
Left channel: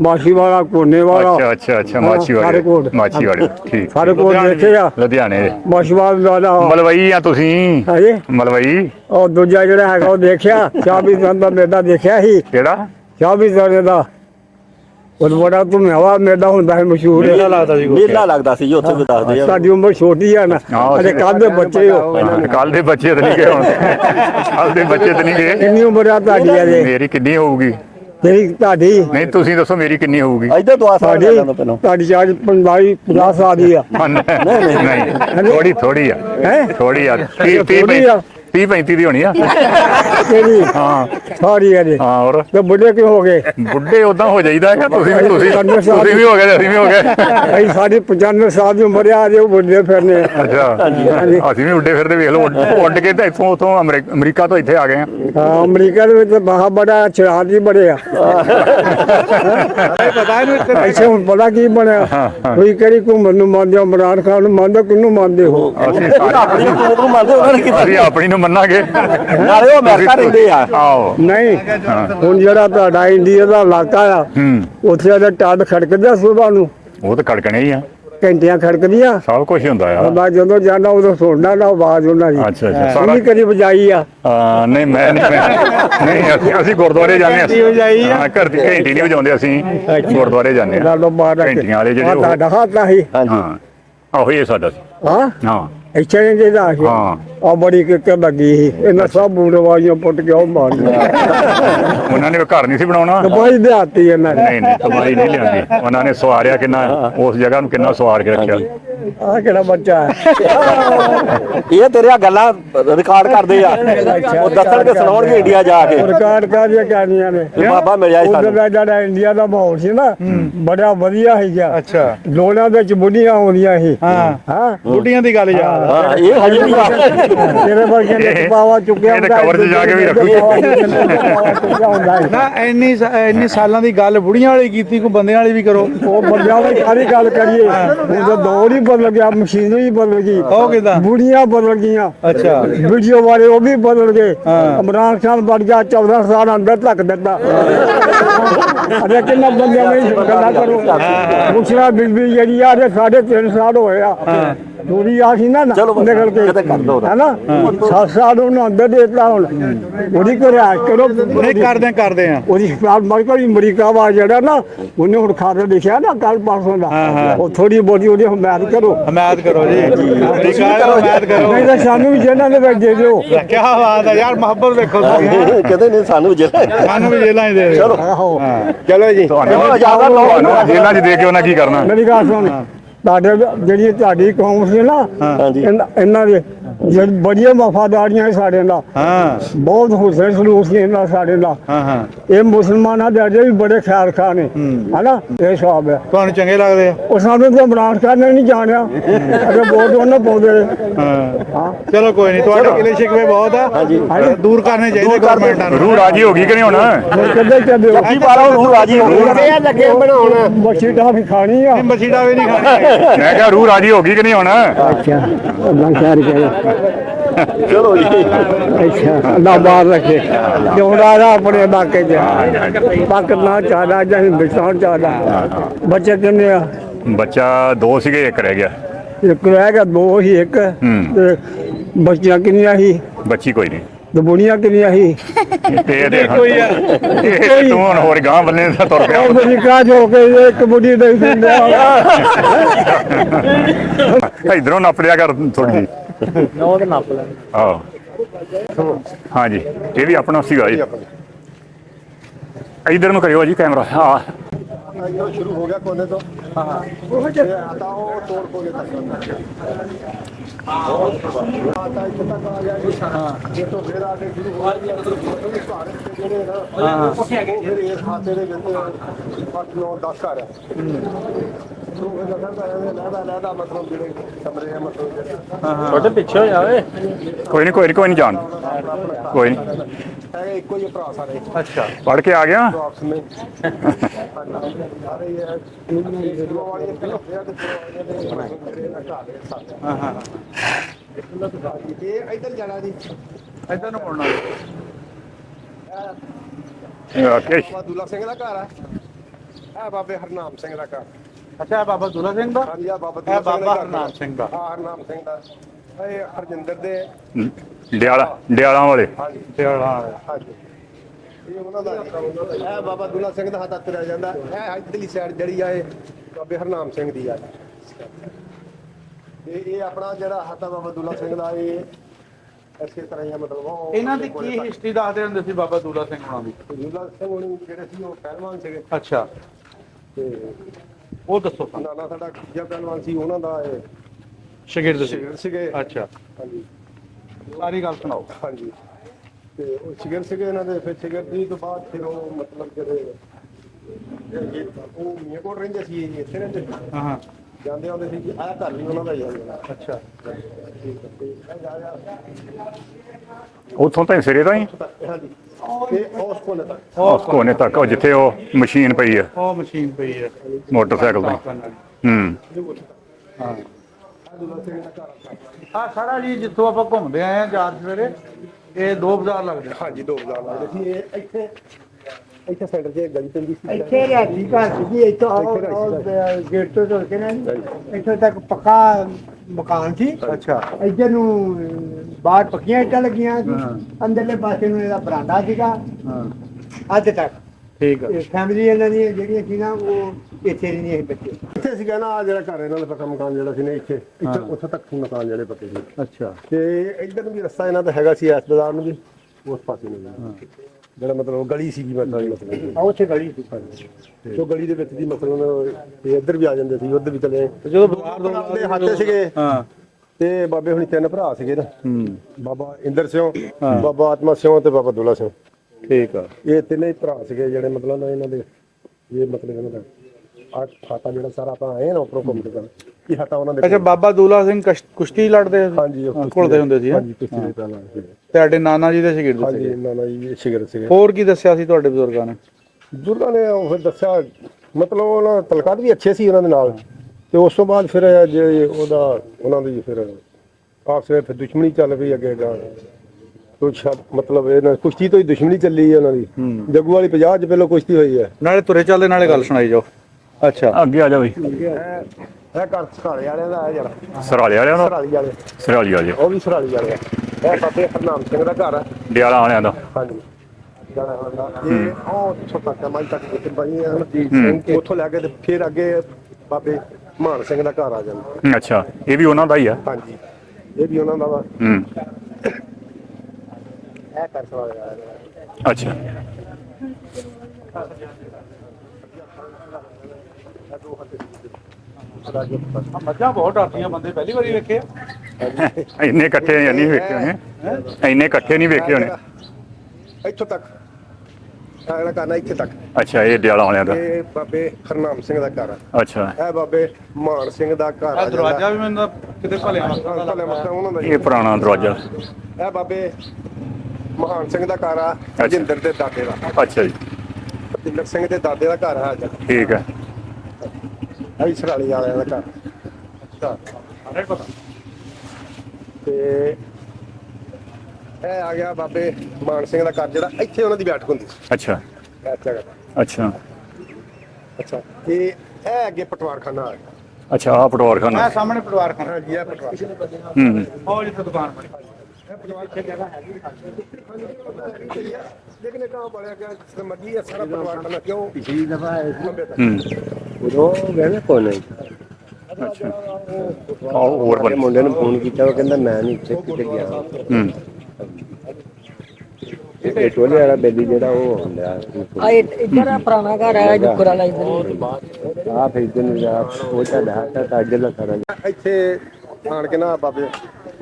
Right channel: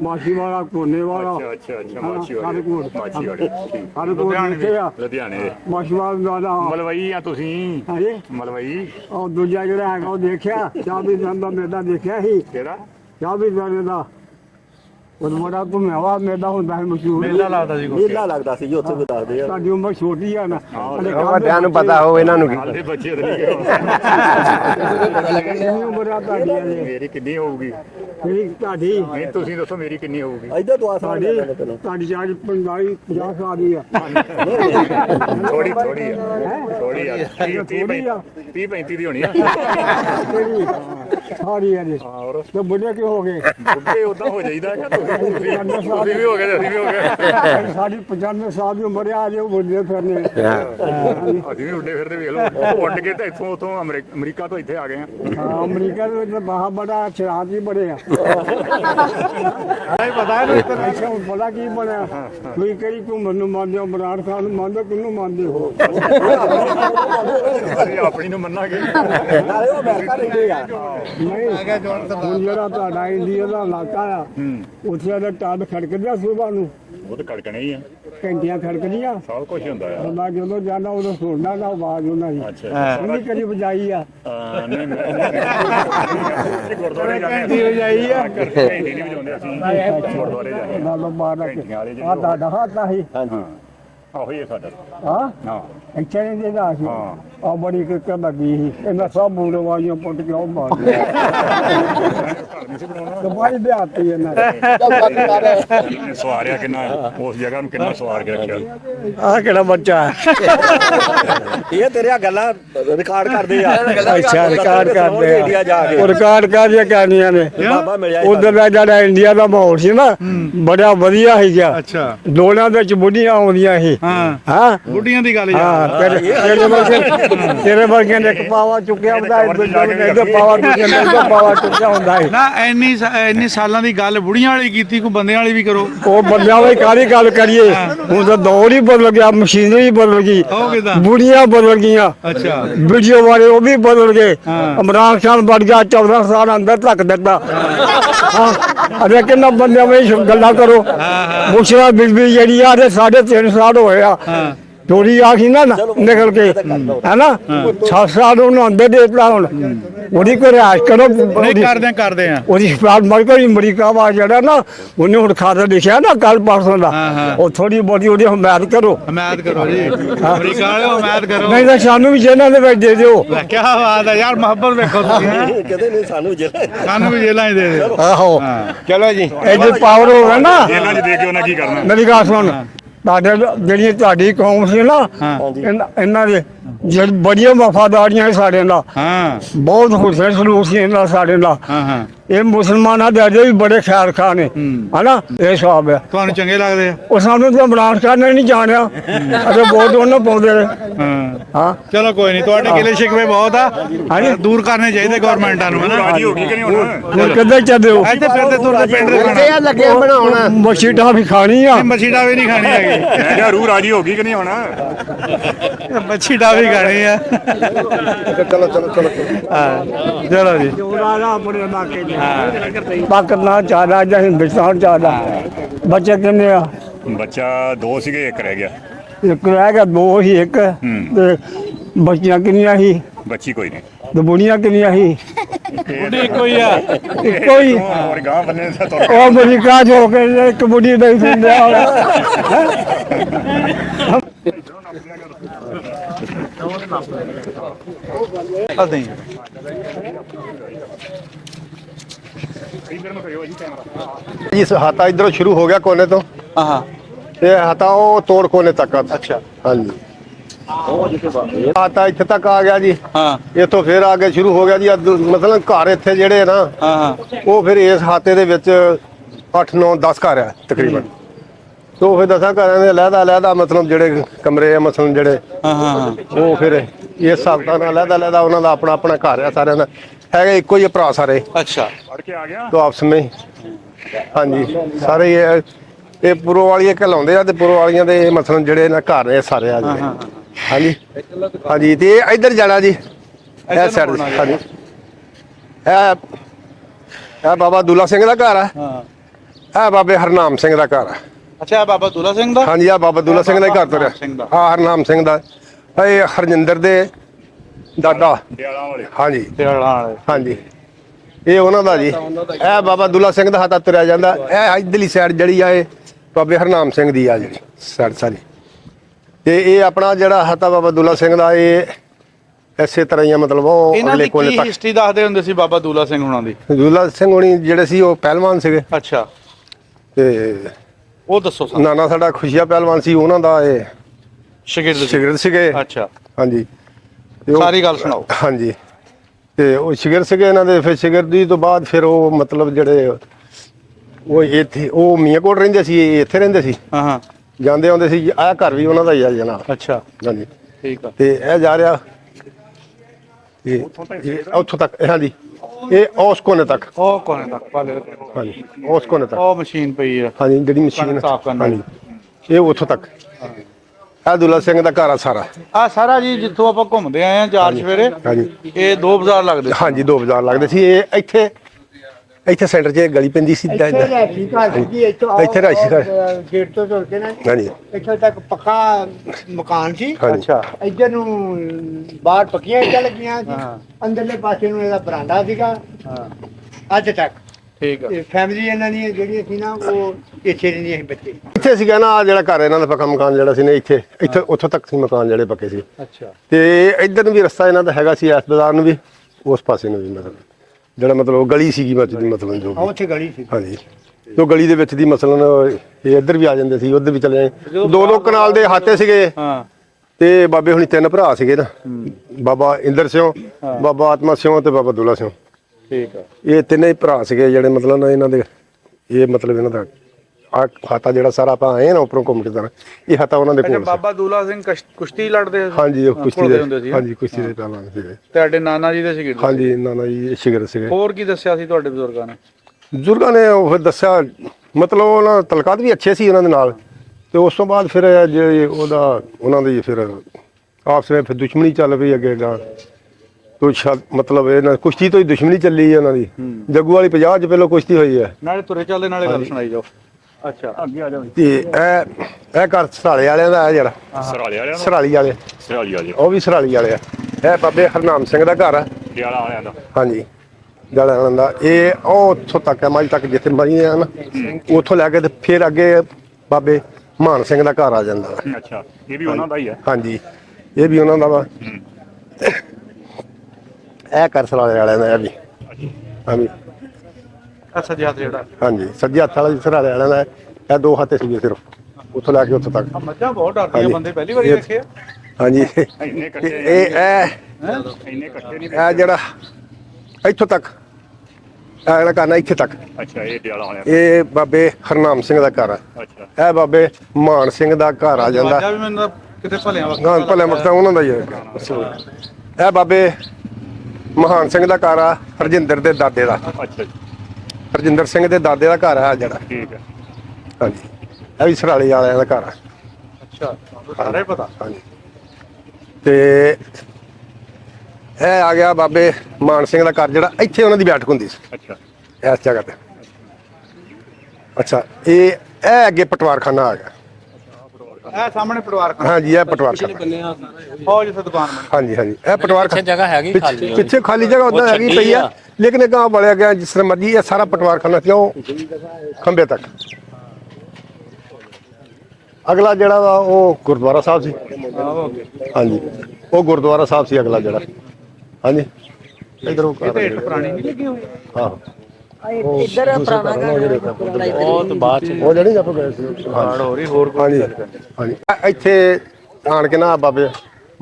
ਮਾਛੀ ਵਾਲਾ, ਕੋਨੇ ਵਾਲਾ, ਅੱਛਾ ਸਾਰੇ ਮਾਛੀਵਾੜੇ ਕੋਟ। ਮਾਛੀਵਾੜੇ ਠੀਕ। ਸਾਰੇ ਕੋਟ ਦੇਖੇ ਆ। ਲੁਧਿਆਣੇ ਦੇ ਮਾਛੀਵਾਲ ਦਾ ਮਲਵਈ ਆ ਤੁਸੀਂ? ਹੈ ਮਲਵਈ। ਉਹ ਦੂਜਾ ਜਿਹੜਾ ਹੈਗਾ ਉਹ ਦੇਖਿਆ, ਚਾਬੀ ਦਾ ਮੇਲਾ ਦੇਖਿਆ ਸੀ। ਕਿਹੜਾ? ਚਾਬੀ ਦਾ ਉਹ ਬੜਾ ਧੁਮਿਆਵਾ ਮੇਲਾ ਹੁੰਦਾ ਹੈ, ਮਸ਼ਹੂਰ ਮੇਲਾ ਲੱਗਦਾ ਸੀ ਜੀ ਉੱਥੇ ਵੀ ਦੱਸਦੇ ਆ। ਸਾਡੀ ਉਮਰ ਛੋਟੀ ਆ ਨਾ, ਅਜੇ ਕੱਲ ਦੇ ਬੱਚੇ ਇਹਨਾਂ ਨੂੰ ਕੱਲ ਦੇ ਬੱਚੇ ਤਾਂ ਨਹੀਂ ਗਏ ਹੁਣ। ਕੱਲ ਦੇ ਬੱਚੇ ਤਾਂ ਨਹੀਂ ਗਏ। ਕਿੰਨੀ ਉਮਰ ਆ ਤੁਹਾਡੀ ਅਜੇ? ਮੇਰੀ ਕਿੰਨੀ ਹੋਊਗੀ? ਤੇਰੀ ਤੁਹਾਡੀ ਨਹੀਂ ਤੁਸੀਂ ਦੱਸੋ ਮੇਰੀ ਕਿੰਨੀ ਹੋਊਗੀ? ਇੱਧਰ ਤੋਂ ਆ ਤੁਹਾਡੀ ਤੁਹਾਡੀ ਚਾਰਜ 50 ਸਾਲ ਦੀ ਆ। ਨਹੀਂ ਥੋੜੀ ਆ। ਹੈ ਥੋੜੀ ਆ। ਥੋੜ੍ਹੀ ਆ। 30-35 ਦੀ ਹੋਣੀ ਆ। ਕਿਹੜੀ? ਹਾਂ ਸਾਰੀ ਅਜੇ ਹਾਂ। ਹੋਰ ਤੇ ਬੁੱਢੇ ਕਿਉਂ ਹੋ ਗਏ? ਬੁੱਢੇ ਉਦਾਂ ਹੋ ਜਾਈਦਾ ਹੈ। ਤੁਸੀਂ ਵੀ ਹੋ ਗਏ, ਅਸੀਂ ਵੀ ਹੋ ਗਏ। ਅਸੀਂ ਸਾਡੀ 95 ਸਾਲ ਦੀ ਉਮਰ ਆ, ਅਜੇ ਬੁੱਢੇ ਫਿਰਨੇ। ਅਸੀਂ ਵੀ ਉੱਡੇ ਫਿਰਦੇ ਵੇਖ ਲਓ। ਉੱਡ ਕੇ ਤਾਂ ਇੱਥੋਂ ਅਮਰੀਕਾ ਤੋਂ ਇੱਥੇ ਆ ਗਏ ਆ। ਹਾਂ, ਅਮਰੀਕਾ ਦੇ ਵਿੱਚ ਬਾਹਰ ਬੜਾ ਸ਼ਰਾਰਤੀ ਬੜੇ ਆ। ਇੱਥੇ ਹੁਣ ਪਤਾ ਕੀ ਬਣਿਆ, ਕੋਈ ਕਿਹੜੀ ਘੁੰਮਣ ਨੂੰ ਮੰਨਦੇ ਹੋ, ਇਮਰਾਨ ਖਾਨ ਨੂੰ ਮੰਨਦੇ, ਕਿਹਨੂੰ ਮੰਨਦੇ ਹੋ? ਅਸੀਂ ਆਪਣੀ ਨੂੰ ਮੰਨਾਂਗੇ। ਨਾਲੇ ਉਹ ਅਮਰੀਕਾ ਰਹਿੰਦੇ ਆ। ਆਓ ਨਹੀਂ, ਹੁਣ ਜਿਹੜਾ ਤੁਹਾਡਾ ਇੰਡੀਆ ਦਾ ਇਲਾਕਾ ਆ, ਉੱਥੇ ਦਾ ਟੱਡ ਖੜਕਦਾ ਸੁਬਾਹ ਨੂੰ, ਉਹ ਤਾਂ ਖੜਕਣੇ ਹੀ ਆ। ਘੰਟੀਆਂ ਖੜਕਦੀਆਂ। ਸਭ ਕੁਝ ਹੁੰਦਾ ਆ। ਮੈਂ ਜਦੋਂ ਜਾਂਦਾ ਉਦੋਂ ਸੁਣਦਾ ਨਾ ਆਵਾਜ਼ ਉਹਨਾਂ ਦੀ। ਅੱਛਾ ਸਾਰੀ ਕਦੀ ਵਜਾਈ ਆ। ਨਹੀਂ ਮੈਂ ਨਹੀਂ ਅਸੀਂ ਗੁਰਦੁਆਰੇ ਜਾਂਦੇ ਹਾਂ। ਘਰ ਦੀ ਘੰਟੀ ਨਹੀਂ ਵਜਾਉਂਦੇ, ਅਸੀਂ ਗੁਰਦੁਆਰੇ ਜਾਂਦੇ ਹਾਂ। ਲਾਲੋ ਬਾਹਰ ਘੰਟੀਆਂ ਵਾਲੇ ਜਿਹੜੇ ਉਹ- ਤੁਹਾਡਾ ਹੱਥ ਆਹੀ। ਹਾਂ ਆਹੋ ਇਹ ਸਾਡਾ ਸੀ। ਹਾਂ ਹਾਂ ਇੱਥੇ ਇਹਦਾ ਆ ਹਾਂ। ਆ ਬੜੀ ਕਿੱਕ ਲੱਗੀ ਸੀ, ਇਹਨਾਂ ਸਭ ਬੂੜਵਾਈਆਂ ਪੁੱਟ ਕੇ ਉਹ ਮਾਰੀਆਂ। ਉਹਨਾਂ ਨੇ ਘਰ ਨਹੀਂ ਸੀ ਬਣਾਉਣਾ। ਦਵਾਈ ਦੇ ਆਤੀ ਇਹਨਾਂ ਨੇ। ਨਹੀਂ ਨਹੀਂ ਲਿਆਂਦੀ। ਉਹਨਾਂ ਨੇ ਸਵਾਰਿਆ ਕਿੰਨਾ, ਉਸ ਜਗ੍ਹਾ ਨੂੰ ਕਿੰਨਾ ਸਵਾਰ ਕੇ ਰੱਖਿਆ। ਆਹ ਕਿਹੜਾ ਬੱਚਾ ਇਹ ਤੇਰੀਆਂ ਗੱਲਾਂ ਰਿਕਾਰਡ ਕਰਦੇ ਆ। ਦੱਸਣਗੇ ਸੁਣਾਉਣਗੇ ਇੰਡੀਆ ਜਾ ਕੇ। ਰਿਕਾਰਡ ਕਾਹਦੀਆਂ ਕਹਿਣੀਆਂ ਨੇ? ਬਾਬਾ ਮਿਲਿਆ ਸੀ ਉਧਰ ਦਾ ਜਿਹੜਾ ਇੰਡੀਆ ਦਾ ਮਾਹੌਲ ਸੀ ਨਾ, ਬੜਾ ਵਧੀਆ ਸੀ ਗਿਆ। ਅੱਛਾ ਲੋੜਾਂ ਦੇ ਵਿੱਚ ਬੁੱਢੀਆਂ ਆਉਂਦੀਆਂ ਸੀ। ਹਾਂ ਬੁੱਢੀਆਂ ਦੀ ਗੱਲ ਤੇਰੇ ਵਰਗੇ ਨੇ ਪਾਵਾ ਚੁੱਕਿਆ ਇਹ ਤਾਂ ਕਵਰ 'ਚ ਜਾ ਕੇ ਵੀ ਪਾਵਾ ਚੁੱਕਿਆ ਹੁੰਦਾ ਹੈ। ਨਾ ਇੰਨੀ ਸਾਲਾਂ ਦੀ ਗੱਲ ਬੁੜੀਆਂ ਵਾਲੀ ਕੀਤੀ, ਕੋਈ ਬੰਦਿਆਂ ਵਾਲੀ ਵੀ ਕਰੋ। ਉਹ ਬੰਦਿਆਂ ਦੀ ਕਾਹਦੀ ਗੱਲ ਕਰੀਏ, ਉਹ ਤਾਂ ਦੌਰ ਹੀ ਬਦਲ ਗਿਆ, ਮਸ਼ੀਨਰੀ ਬਦਲ ਗਈ, ਉਹ ਕਿਦਾਂ? ਬੁੜੀਆਂ ਬਦਲ ਗਈਆਂ। ਅੱਛਾ ਵੀਡੀਓ ਵਾਲੇ ਉਹ ਵੀ ਬਦਲ ਗਏ। ਇਮਰਾਨ ਖਾਨ ਬਣ ਗਿਆ, 14 ਸਾਲ ਅੰਦਰ ਧੱਕ ਦਿੱਤਾ। ਅਰੇ ਕਿੰਨਾ ਬੰਦਿਆਂ ਵਿੱਚ ਗੱਲਾਂ ਕਰੋ। ਮੁਸ਼ਰਾ ਬੀਬੀ ਜਿਹੜੀ ਆ ਦੇ 3.5 ਸਾਲ ਹੋਏ ਆ, ਚੋਰੀ ਆਖੀ ਨਾ ਨਿਕਲ ਕੇ, ਹੈਨਾ 7 ਸਾਲ ਉਹਨੂੰ ਅੰਦਰ ਦੇ ਦਿੱਤਾ। ਹੁਣ ਉਹਦੀ ਕੋਈ ਰਿਆਜ਼ ਕਰੋ। ਨਹੀਂ ਕਰਦੇ ਆ। ਉਹਦੀ ਮਰ ਕੋਈ ਅਮਰੀਕਾ ਵਾ ਜਿਹੜਾ ਨਾ, ਉਹਨੇ ਹੁਣ ਖਾਤਾ ਲਿਖਿਆ ਨਾ ਕੱਲ ਪਰਸੋਂ ਦਾ, ਉਹ ਥੋੜੀ ਬਹੁਤੀ ਉਹਦੀ ਹਮਾਇਤ ਕਰੋ। ਹਮਾਇਤ ਕਰੋ ਜੀ, ਹਮਾਇਤ ਕਰੋ। ਨਹੀਂ ਤਾਂ ਸਾਨੂੰ ਵੀ ਜੇਲ੍ਹਾਂ ਦੇ ਵਿੱਚ ਦੇ ਦਿਓ। ਕੀ ਬਾਤ ਹੈ ਯਾਰ, ਮੁਹੱਬਤ ਦੇਖੋ ਤੁਸੀਂ। ਕਹਿੰਦੇ ਨਹੀਂ ਸਾਨੂੰ ਸਾਨੂੰ ਵੀ ਜੇਲਾਂ ਹੀ ਦੇ ਦਿਓ। ਆਹੋ ਚਲੋ ਜੀ। ਇਹਦੀ ਪਾਵਰ ਹੋਵੇ ਨਾ। ਇਹਨਾਂ 'ਚ ਦੇ ਕੇ ਉਹਨਾਂ ਕੀ ਕਰਨਾ? ਮੇਰੀ ਗੱਲ ਸੁਣ, ਤੁਹਾਡੇ ਜਿਹੜੀ ਤੁਹਾਡੀ ਕੌਮ ਸੀ ਨਾ, ਇਹਨਾਂ ਦੇ ਜਿਹੜੀ ਬੜੀਆਂ ਵਫਾਦਾਰੀਆਂ ਸੀ ਸਾਡੇ ਨਾਲ। ਬਹੁਤ ਹੁਸਨ ਸਲੂਕ ਸੀ ਇਹਨਾਂ ਸਾਡੇ ਨਾਲ। ਇਹ ਮੁਸਲਮਾਨਾਂ ਦੇ ਅਜੇ ਵੀ ਬੜੇ ਖੈਰ ਖਾ ਨੇ, ਹਨਾ। ਇਹ ਹਿਸਾਬ ਹੈ। ਤੁਹਾਨੂੰ ਚੰਗੇ ਲੱਗਦੇ ਆ? ਉਹ ਸਾਨੂੰ ਤਾਂ ਇਮਰਾਨ ਖਾਨ ਨੇ ਨਹੀਂ ਜਾਣਿਆ, ਅਜੇ ਬਹੁਤ ਉਹਨਾਂ ਪਾਉਂਦੇ ਨੇ। ਹਾਂ ਚਲੋ ਕੋਈ ਨਹੀਂ, ਤੁਹਾਡੇ ਗਿਲੇ ਸ਼ਿਕਵੇ ਬਹੁਤ ਆ, ਦੂਰ ਕਰਨੇ ਚਾਹੀਦੇ ਗਵਰਨਮੈਂਟਾਂ ਨੂੰ। ਰੂਹ ਰਾਜੀ ਹੋ ਗਈ ਕਿ ਨਹੀਂ ਹੁਣ? ਹੁਣ ਕਿੱਦਾਂ ਚੱਲਦੇ ਹੋ? ਲੱਗੇ ਬਣਾਉਣਾ ਮਛੀਟਾ ਵੀ ਖਾਣੀ ਆ। ਮਛੀਟਾ ਵੀ ਨਹੀਂ ਖਾਣੀ ਹੈਗੀ। ਕਹਿ ਜਾ ਰੂਹ ਰਾਜੀ ਹੋ ਗਈ ਕਿ ਨਹੀਂ ਹੁਣ? ਮਛੀਟਾ ਵੀ ਖਾਣੀ ਆ। ਚਲੋ ਜੀ। ਨਾ ਬਾਹਰ ਰੱਖੇ ਜੋੜਾ ਆਪਣੇ ਇਲਾਕੇ ਚ ਪਾਕਿਸਤਾਨ ਚਾਹਦਾ ਜਾਂ ਹਿੰਦੁਸਤਾਨ ਚਾਹਦਾ। ਬੱਚੇ ਕਿੰਨੇ ਆ? ਬੱਚਾ 2 ਸੀਗੇ, ਇੱਕ ਰਹਿ ਗਿਆ। ਇੱਕ ਰਹਿ ਗਿਆ, 2 ਹੀ ਇੱਕ। ਤੇ ਬੱਚੀਆਂ ਕਿੰਨੀਆਂ ਸੀ? ਬੱਚੀ ਕੋਈ ਨਹੀਂ। ਤੇ ਬੁੜੀਆਂ ਕਿੰਨੀਆਂ ਸੀ? ਕੋਈ ਆ ਤੂੰ ਹੁਣ ਹੋਰ ਗਾਂ ਬੰਨੇ ਦਾ ਤੁਰ ਉਹ ਅਮਰੀਕਾ ਚ ਹੋ ਕੇ ਇੱਕ ਬੁੜੀ ਦੇ ਫਿਰਦੇ ਇਧਰੋਂ ਨੱਪ ਲਿਆ ਕਰ ਥੋੜੀ ਜੀ। ਆਹੋ ਹਾਂਜੀ, ਇਹ ਵੀ ਆਪਣਾ ਸੀਗਾ ਜੀ। ਇਧਰ ਨੂੰ ਕਰਿਓ ਜੀ ਕੈਮਰਾ। ਹਾਂ ਜੀ ਹਾਤਾ ਇਧਰੋਂ ਸ਼ੁਰੂ ਹੋ ਗਿਆ ਕੋਨੇ ਤੋਂ। ਹਾਂ ਤੇ ਹਾਤਾ ਉਹ ਤੋੜ ਕੋਨੇ ਤੱਕ ਆ। ਅੱਛਾ ਹਾਂਜੀ ਹਾਤਾ ਇੱਥੇ ਤੱਕ ਆ ਗਿਆ ਜੀ। ਹਾਂ ਇੱਥੋਂ ਫਿਰ ਅੱਗੇ ਸ਼ੁਰੂ ਹੋ ਗਿਆ ਜੀ। ਮਤਲਬ ਘਰ ਇੱਥੇ ਜਿਹੜੇ ਨਾ, ਉਹ ਫਿਰ ਇਸ ਹਾਤੇ ਦੇ ਵਿੱਚ 8 9 10 ਘਰ ਆ ਤਕਰੀਬਨ। ਤੋ ਫਿਰ ਦਸਾਂ ਘਰਾਂ ਦੇ ਅਲੱਗ ਮਤਲਬ ਜਿਹੜੇ ਕਮਰੇ ਆ ਮਤਲਬ ਜਿਹੜੇ ਉਹਦੇ ਪਿੱਛੇ ਫਿਰ ਇਹ ਹਿਸਾਬ ਕੋਈ ਨੀ ਜਾਣ। ਉਹਨਾਂ ਦਾ ਆਪਣਾ ਆਪਣਾ ਘਰ ਹੈ ਸਾਰਿਆਂ ਦਾ ਹੈਗਾ ਇੱਕੋ ਹੀ ਭਰਾ ਸਾਰੇ ਅੱਛਾ ਪੜ ਕੇ ਆ ਗਿਆ ਤੋ ਆਪਸ ਵਿੱਚ ਹਾਂਜੀ ਸਾਰੇ ਇਹ ਪੁਰੋ ਵਾਲੀਏ ਘਲਾਉਂਦੇ ਆ ਤੇ ਪੁਰੋ ਵਾਲੀਆਂ ਦੇ ਮਤਲਬ ਜਿਹੜੇ ਨਾ ਘਰ ਨੇ ਸਾਰੇ ਆ ਜਿਹੜੇ ਹਾਂਜੀ ਹਾਂਜੀ ਤੇ ਇੱਧਰ ਜਾਣਾ ਜੀ ਇਹ ਸਾਈਡ ਹਾਂਜੀ ਇਹ ਬਾਬਾ ਦੁੱਲਾ ਸਿੰਘ ਦਾ ਘਰ ਆ ਇਹ ਬਾਬੇ ਹਰਨਾਮ ਸਿੰਘ ਦਾ ਘਰ ਆ ਅੱਛਾ ਬਾਬਾ ਦੁੱਲਾ ਸਿੰਘ ਦਾ ਹਾਂਜੀ ਆ ਬਾਬਾ ਦੁੱਲਾ ਸਿੰਘ ਦਾ ਹੀ ਘਰ ਤੁਰਿਆ ਆ ਹਰਨਾਮ ਸਿੰਘ ਦਾ ਇਹ ਹਰਜਿੰਦਰ ਦੇ ਡਿਆਲਾਂ ਵਾਲੇ ਹਾਂਜੀ ਟੇਵਲਾਂ ਵਾਲੇ ਹਾਂਜੀ ਇਹ ਉਹਨਾਂ ਦਾ ਜੀ ਇਹ ਬਾਬਾ ਦੁੱਲਾ ਸਿੰਘ ਦਾ ਹੱਥਾ ਤੁਰਿਆ ਜਾਂਦਾ ਇਹ ਇੱਧਰਲੀ ਸਾਈਡ ਜਿਹੜੀ ਆ ਇਹ ਬਾਬੇ ਹਰਨਾਮ ਸਿੰਘ ਦੀ ਆ ਜਿਹੜੀ ਸਾਈਡ ਸਾਰੀ ਤੇ ਇਹ ਆਪਣਾ ਜਿਹੜਾ ਹੱਥਾ ਬਾਬਾ ਦੁੱਲਾ ਸਿੰਘ ਦਾ ਇਹ ਇਸੇ ਤਰ੍ਹਾਂ ਹੀ ਆ ਮਤਲਬ ਉਹ ਇਹਨਾਂ ਅਗਲੇ ਦੀ ਕੋਲੇ ਕੀ ਤੱਕ ਹਿਸਟਰੀ ਦੱਸਦੇ ਹੁੰਦੇ ਸੀ ਬਾਬਾ ਦੁੱਲਾ ਸਿੰਘ ਹੁਣਾਂ ਦੀ? ਦੁੱਲਾ ਸਿੰਘ ਹੋਣੀ ਜਿਹੜੇ ਸੀ ਉਹ ਪਹਿਲਵਾਨ ਸੀਗੇ ਅੱਛਾ ਤੇ ਉਹ ਦੱਸੋ ਸਾਨੂੰ। ਨਾਨਾ ਸਾਡਾ ਖੁਸ਼ੀਆ ਪਹਿਲਵਾਨ ਸੀ ਉਹਨਾਂ ਦਾ ਇਹ ਸ਼ਾਗਿਰਦ ਸ਼ਾਗਿਰਦ ਸੀਗੇ ਅੱਛਾ ਹਾਂਜੀ ਤੇ ਉਹ- ਸਾਰੀ ਗੱਲ ਸੁਣਾਓ। ਹਾਂਜੀ ਤੇ ਉਹ ਸ਼ਾਗਿਰਦ ਸੀਗੇ ਇਹਨਾਂ ਦੇ ਫਿਰ ਸ਼ਾਗਿਰਦੀ ਤੋਂ ਬਾਅਦ ਫਿਰ ਉਹ ਮਤਲਬ ਜਿਹੜੇ ਉਹ ਇੱਥੇ ਉਹ ਮੀਆਂਕੋਟ ਰਹਿੰਦੇ ਸੀ ਇਹ ਇੱਥੇ ਰਹਿੰਦੇ ਸੀ ਹਾਂ ਜਾਂਦੇ ਆਉਂਦੇ ਸੀ ਆਹ ਘਰ ਵੀ ਉਹਨਾਂ ਦਾ ਹੀ ਆ ਜਨਾਬ ਅੱਛਾ ਹਾਂਜੀ ਠੀਕ ਆ ਤੇ ਇਹ ਜਾ ਰਿਹਾ ਉੱਥੋਂ ਤਾਂ ਸਿਰੇ ਤਾਂ ਹੀ ਉੱਥੋਂ ਤੱਕ ਹਾਂਜੀ ਇਹ ਉਸ ਕੋਨੇ ਤੱਕ ਕੋਨੇ ਤੱਕ ਉਹ ਜਿੱਥੇ ਉਹ ਮਸ਼ੀਨ ਉਸ ਪਈ ਕੋਨੇ ਹੈ ਤੱਕ। ਉਹ ਮਸ਼ੀਨ ਪਈ ਆ ਹਾਂਜੀ ਜਿਹੜੀ ਮੋਟਰਸਾਈਕਲ ਮਸ਼ੀਨ ਸਾਫ਼ ਕਰਨ ਵਾਲੀ। ਹਾਂਜੀ ਹੂੰ ਇਹ ਉੱਥੋਂ ਤੱਕ ਇਹ ਦੁੱਲਾ ਸਿੰਘ ਦਾ ਘਰ ਆ ਸਾਰਾ ਆ ਸਾਰਾ ਜੀ ਜਿੱਥੋਂ ਆਪਾਂ ਘੁੰਮਦੇ ਆਏ ਆ ਚਾਰ ਸਵੇਰੇ ਹਾਂਜੀ ਇਹ ਦੋ ਬਾਜ਼ਾਰ ਲੱਗਦੇ ਸੀ। ਹਾਂਜੀ 2 ਬਾਜ਼ਾਰ ਲੱਗਦੇ ਸੀ ਇਹ ਇੱਥੇ ਸੈਂਟਰ 'ਚ ਇਹ ਗਲੀ ਪੈਂਦੀ ਸੀ ਇੱਦਾਂ ਇੱਦਾਂ ਇੱਥੇ ਰਾਈ ਸੀ ਗੇਟ ਤੋਂ ਚੱਲ ਕੇ ਨਾ ਜੀ ਹਾਂਜੀ ਇੱਥੋਂ ਤੱਕ ਪੱਕਾ ਮਕਾਨ ਸੀ ਅੱਛਾ ਇੱਧਰ ਨੂੰ ਬਾਹਰ ਪੱਕੀਆਂ ਇੱਟਾਂ ਲੱਗੀਆਂ ਸੀ ਅੰਦਰਲੇ ਪਾਸੇ ਨੂੰ ਇਹਦਾ ਬਰਾਂਡਾ ਸੀਗਾ ਅੱਜ ਤੱਕ ਠੀਕ ਆ ਤੇ ਫੈਮਿਲੀ ਇਹਨਾਂ ਦੀਆਂ ਜਿਹੜੀਆਂ ਸੀ ਨਾ ਉਹ ਇੱਥੇ ਰਹਿੰਦੀਆਂ ਸੀ ਬੱਚੇ ਇੱਥੇ ਸੀਗਾ ਨਾ ਆਹ ਜਿਹੜਾ ਘਰ ਇਹਨਾਂ ਦਾ ਪੱਕਾ ਮਕਾਨ ਜਿਹੜਾ ਸੀ ਨਾ ਇੱਥੇ ਉੱਥੋਂ ਤੱਕ ਸੀ ਮਕਾਨ ਜਿਹੜੇ ਪੱਕੇ ਸੀ ਅੱਛਾ ਤੇ ਇੱਧਰ ਨੂੰ ਵੀ ਰਸਤਾ ਇਹਨਾਂ ਦਾ ਹੈਗਾ ਸੀ ਇਸ ਬਾਜ਼ਾਰ ਨੂੰ ਵੀ ਉਸ ਪਾਸੇ ਨੂੰ ਵੀ ਮਤਲਬ ਜਿਹੜਾ ਮਤਲਬ ਗਲੀ ਸੀਗੀ ਮਤਲਬ ਜੋ ਉਹ ਉੱਥੇ ਗਲੀ ਸੀ ਹਾਂਜੀ ਜੋ ਗਲੀ ਦੇ ਵਿੱਚ ਦੀ ਮਸਲਨ ਇਹ ਇੱਧਰ ਵੀ ਆ ਜਾਂਦੇ ਸੀ ਉੱਧਰ ਵੀ ਚਲੇ ਦੋ ਕਨਾਲ ਦੇ ਹਾਤੇ ਸੀਗੇ ਹਾਂ ਤੇ ਬਾਬੇ ਹੁਣੀ 3 ਭਰਾ ਸੀਗੇ ਨਾ ਬਾਬਾ ਇੰਦਰ ਸਿੰਘ ਬਾਬਾ ਆਤਮਾ ਸਿੰਘ ਤੇ ਬਾਬਾ ਦੁੱਲਾ ਸਿੰਘ ਠੀਕ ਆ ਇਹ ਤਿੰਨੇ ਭਰਾ ਸੀਗੇ ਜਿਹੜੇ ਮਤਲਬ ਨਾ ਇਹਨਾਂ ਦੇ ਇਹ ਮਤਲਬ ਇਹਨਾਂ ਦਾ ਆ ਖਾਤਾ ਜਿਹੜਾ ਸਾਰਾ ਆਪਾਂ ਆਏ ਨਾ ਉੱਪਰੋਂ ਘੁੰਮ ਕੇ ਸਾਰਾ ਇਹ ਖਾਤਾ ਉਹਨਾਂ ਦੇ ਅੱਛਾ ਕੋਲ ਬਾਬਾ ਦੁੱਲਾ ਸਿੰਘ ਕੁਸ਼ਤੀ ਲੜਦੇ ਸੀ? ਹਾਂਜੀ ਉਹ ਕੁਸ਼ਤੀ ਘੁਲਦੇ ਹੁੰਦੇ ਸੀ ਹਾਂਜੀ ਕੁਸ਼ਤੀ ਦੇ ਪਹਿਲਵਾਨ ਸੀਗੇ ਤੁਹਾਡੇ ਨਾਨਾ ਜੀ ਦੇ ਸੀਗੇ ਹਾਂਜੀ ਨਾਨਾ ਜੀ ਸ਼ਿਗਰ ਸੀਗੇ ਹੋਰ ਕੀ ਦੱਸਿਆ ਸੀ ਤੁਹਾਡੇ ਬਜ਼ੁਰਗਾਂ ਨੇ? ਬਜ਼ੁਰਗਾਂ ਨੇ ਉਹ ਦੱਸਿਆ ਮਤਲਬ ਉਹਨਾਂ ਤਲਕਾਤ ਵੀ ਅੱਛੇ ਸੀ ਉਹਨਾਂ ਦੇ ਨਾਲ ਤੇ ਉਸ ਤੋਂ ਬਾਅਦ ਫਿਰ ਜੇ ਉਹਨਾਂ ਦੀ ਫਿਰ ਆਪਸ ਵਿੱਚ ਫਿਰ ਦੁਸ਼ਮਣੀ ਚੱਲ ਪਈ ਅੱਗੇ ਨਾਲ ਤੋ ਮਤਲਬ ਇਹ ਨਾ ਕੁਸ਼ਤੀ ਤੋਂ ਹੀ ਦੁਸ਼ਮਣੀ ਚੱਲੀ ਉਹਨਾਂ ਦੀ ਜੱਗੂ ਵਾਲੀ 50 ਚ ਪਹਿਲਾਂ ਕੁਸ਼ਤੀ ਹੋਈ ਹੈ ਨਾਲੇ ਤੁਰੇ ਚੱਲਦੇ ਨਾਲੇ ਗੱਲ ਸੁਣਾਈ ਜਾਓ। ਅੱਛਾ ਅੱਗੇ ਆ ਜਾ ਬਈ ਤੇ ਇਹ ਘਰ ਸਰਾਲੇ ਵਾਲਿਆਂ ਦਾ ਹੈ ਜਿਹੜਾ ਸਰਾਲੇ ਵਾਲਿਆਂ ਦਾ ਸਰਾਲੀ ਵਾਲੇ ਸਰਾਲੀ ਵਾਲੇ ਉਹ ਵੀ ਸਰਾਲੀ ਵਾਲੇ ਆ ਇਹ ਬਾਬੇ ਹਰਨਾਮ ਸਿੰਘ ਦਾ ਘਰ ਆ ਡਿਆਲਾਂ ਵਾਲਿਆਂ ਦਾ ਹਾਂਜੀ ਜਲਾਣ ਦਾ ਇਹ ਉਹ ਉੱਥੋਂ ਤੱਕ ਹੈ ਮਾਈ ਤੱਕ ਜਿੱਥੇ ਮਰੀ ਆ ਨਾ ਉੱਥੋਂ ਲੈ ਕੇ ਤੇ ਫਿਰ ਅੱਗੇ ਬਾਬੇ ਮਾਨ ਸਿੰਘ ਦਾ ਘਰ ਆ ਜਾਂਦਾ ਵਾ। ਅੱਛਾ ਇਹ ਵੀ ਉਹਨਾਂ ਦਾ ਹੀ ਆ ਹਾਂਜੀ ਇਹ ਵੀ ਉਹਨਾਂ ਦਾ ਵਾ ਹੂੰ ਇਹ ਘਰ ਸਰਾਲੇ ਵਾਲਿਆਂ ਦਾ ਇਹ ਵੀ ਅੱਛਾ ਹਾਂਜੀ ਅੱਛਾ ਜੀ ਹੱਥ ਜਿਹੜਾ ਹਾਂਜੀ ਸੱਜੇ ਹੱਥ ਵਾਲਾ ਸਰਾਲੇ ਵਾਲਿਆਂ ਦਾ ਇਹ 2 ਹੱਥੇ ਸੀਗੇ ਸਿਰਫ ਉੱਥੋਂ ਲੈ ਕੇ ਉੱਥੋਂ ਤੱਕ ਮੱਝਾਂ ਬਹੁਤ ਡਰਦੀਆਂ ਬੰਦੇ ਪਹਿਲੀ ਵਾਰੀ ਦੇਖੇ ਆ। ਹਾਂਜੀ ਇੰਨੇ ਇਕੱਠੇ ਨਹੀਂ ਵੇਖੇ ਨੇ ਇੰਨੇ ਇਕੱਠੇ ਨਹੀਂ ਇਹ ਵੇਖੇ ਜਿਹੜਾ ਇੱਥੋਂ ਤੱਕ ਇਹ ਜਿਹੜਾ ਕਰਨਾ ਇੱਥੇ ਤੱਕ ਅੱਛਾ ਇਹ ਡਿਆਲਾਂ ਵਾਲਿਆਂ ਦਾ ਇਹ ਬਾਬੇ ਹਰਨਾਮ ਸਿੰਘ ਦਾ ਘਰ ਆ ਅੱਛਾ ਇਹ ਬਾਬੇ ਮਾਨ ਸਿੰਘ ਦਾ ਘਰ ਆ ਜਾਂਦਾ ਦਰਵਾਜ਼ਾ ਵੀ ਮੈਨੂੰ ਕਿਤੇ ਭਲਿਆ ਵਾ। ਗਾਂ ਭਲੇ ਮਸਤਾ ਉਹਨਾਂ ਦਾ ਹੀ ਇਹ ਹੈ। ਪੁਰਾਣਾ ਦਰਵਾਜ਼ਾ ਇਹ ਬਾਬੇ ਮਹਾਨ ਸਿੰਘ ਦਾ ਘਰ ਆ ਰਜਿੰਦਰ ਦੇ ਦਾਦੇ ਦਾ ਅੱਛਾ ਜੀ ਰਜਿੰਦਰ ਸਿੰਘ ਦੇ ਦਾਦੇ ਦਾ ਘਰ ਆ ਜਿਹੜਾ ਠੀਕ ਹੈ ਹਾਂਜੀ ਇਹ ਵੀ ਸਰਾਲੇ ਵਾਲਿਆਂ ਦਾ ਘਰ ਆ ਅੱਛਾ ਸਾਰਾ ਹੀ ਪਤਾ। ਹਾਂਜੀ ਤੇ ਇਹ ਆ ਗਿਆ ਬਾਬੇ ਮਾਨ ਸਿੰਘ ਦਾ ਘਰ ਜਿਹੜਾ ਇੱਥੇ ਉਹਨਾਂ ਦੀ ਬੈਠਕ ਹੁੰਦੀ ਸੀ ਅੱਛਾ ਇਸ ਜਗ੍ਹਾ ਤੇ ਅੱਛਾ ਅੱਛਾ ਇਹ ਅੱਗੇ ਪਟਵਾਰਖਾਨਾ ਆ ਗਿਆ ਅੱਛਾ ਆ ਪਟਵਾਰਖਾਨਾ ਇਹ ਸਾਹਮਣੇ ਪਰਿਵਾਰ ਖਾਨਾ ਹਾਂਜੀ ਇਹ ਪਟਵਾਰਖਾਨਾ ਹੂੰ ਉਹ ਜਿੱਥੇ ਦੁਕਾਨ ਹਾਂਜੀ ਹਾਂਜੀ ਇਹ ਪਟਵਾਰਖਾਨਾ ਜਗ੍ਹਾ ਹੈਗੀ ਖਾਲੀ ਪਿੱਛੇ ਖਾਲੀ ਜਗ੍ਹਾ ਉਦਾਂ ਹੈਗੀ ਪਈ ਆ ਲੇਕਿਨ ਇਹ ਗਾਂ ਬਲਿਆ ਗਿਆ ਜਿਸ ਤਰ੍ਹਾਂ ਮਰਜੀ ਇਹ ਸਾਰਾ ਪਟਵਾਰਖਾਨਾ ਸੀ ਉਹ ਖੰਬੇ ਤੱਕ ਉਦੋਂ ਕਹਿੰਦੇ ਕੋਈ ਨਹੀਂ ਅਗਲਾ ਜਿਹੜਾ ਵਾ ਉਹ ਗੁਰਦੁਆਰਾ ਸਾਹਿਬ ਸੀ ਮੁੰਡੇ ਨੂੰ ਫੋਨ ਕੀਤਾ ਉਹ ਕਹਿੰਦਾ ਮੈਂ ਨਹੀਂ ਉਹ ਗੁਰਦੁਆਰਾ ਸਾਹਿਬ ਸੀ ਅਗਲਾ ਜਿਹੜਾ ਹਾਂਜੀ ਇਧਰੋਂ ਛੋਲੇ ਵਾਲਾ ਬੇਬੀ ਜਿਹੜਾ ਉਹ ਆਂਦਾ ਆ ਇੱਧਰ ਪੁਰਾਣਾ ਘਰ ਹੈ ਡੁੱਕਰ ਵਾਲਾ ਇੱਧਰ ਉਹ ਜਿਹੜੀ ਹਾਂਜੀ ਇੱਥੇ ਆਣ ਕੇ ਨਾ ਬਾਬੇ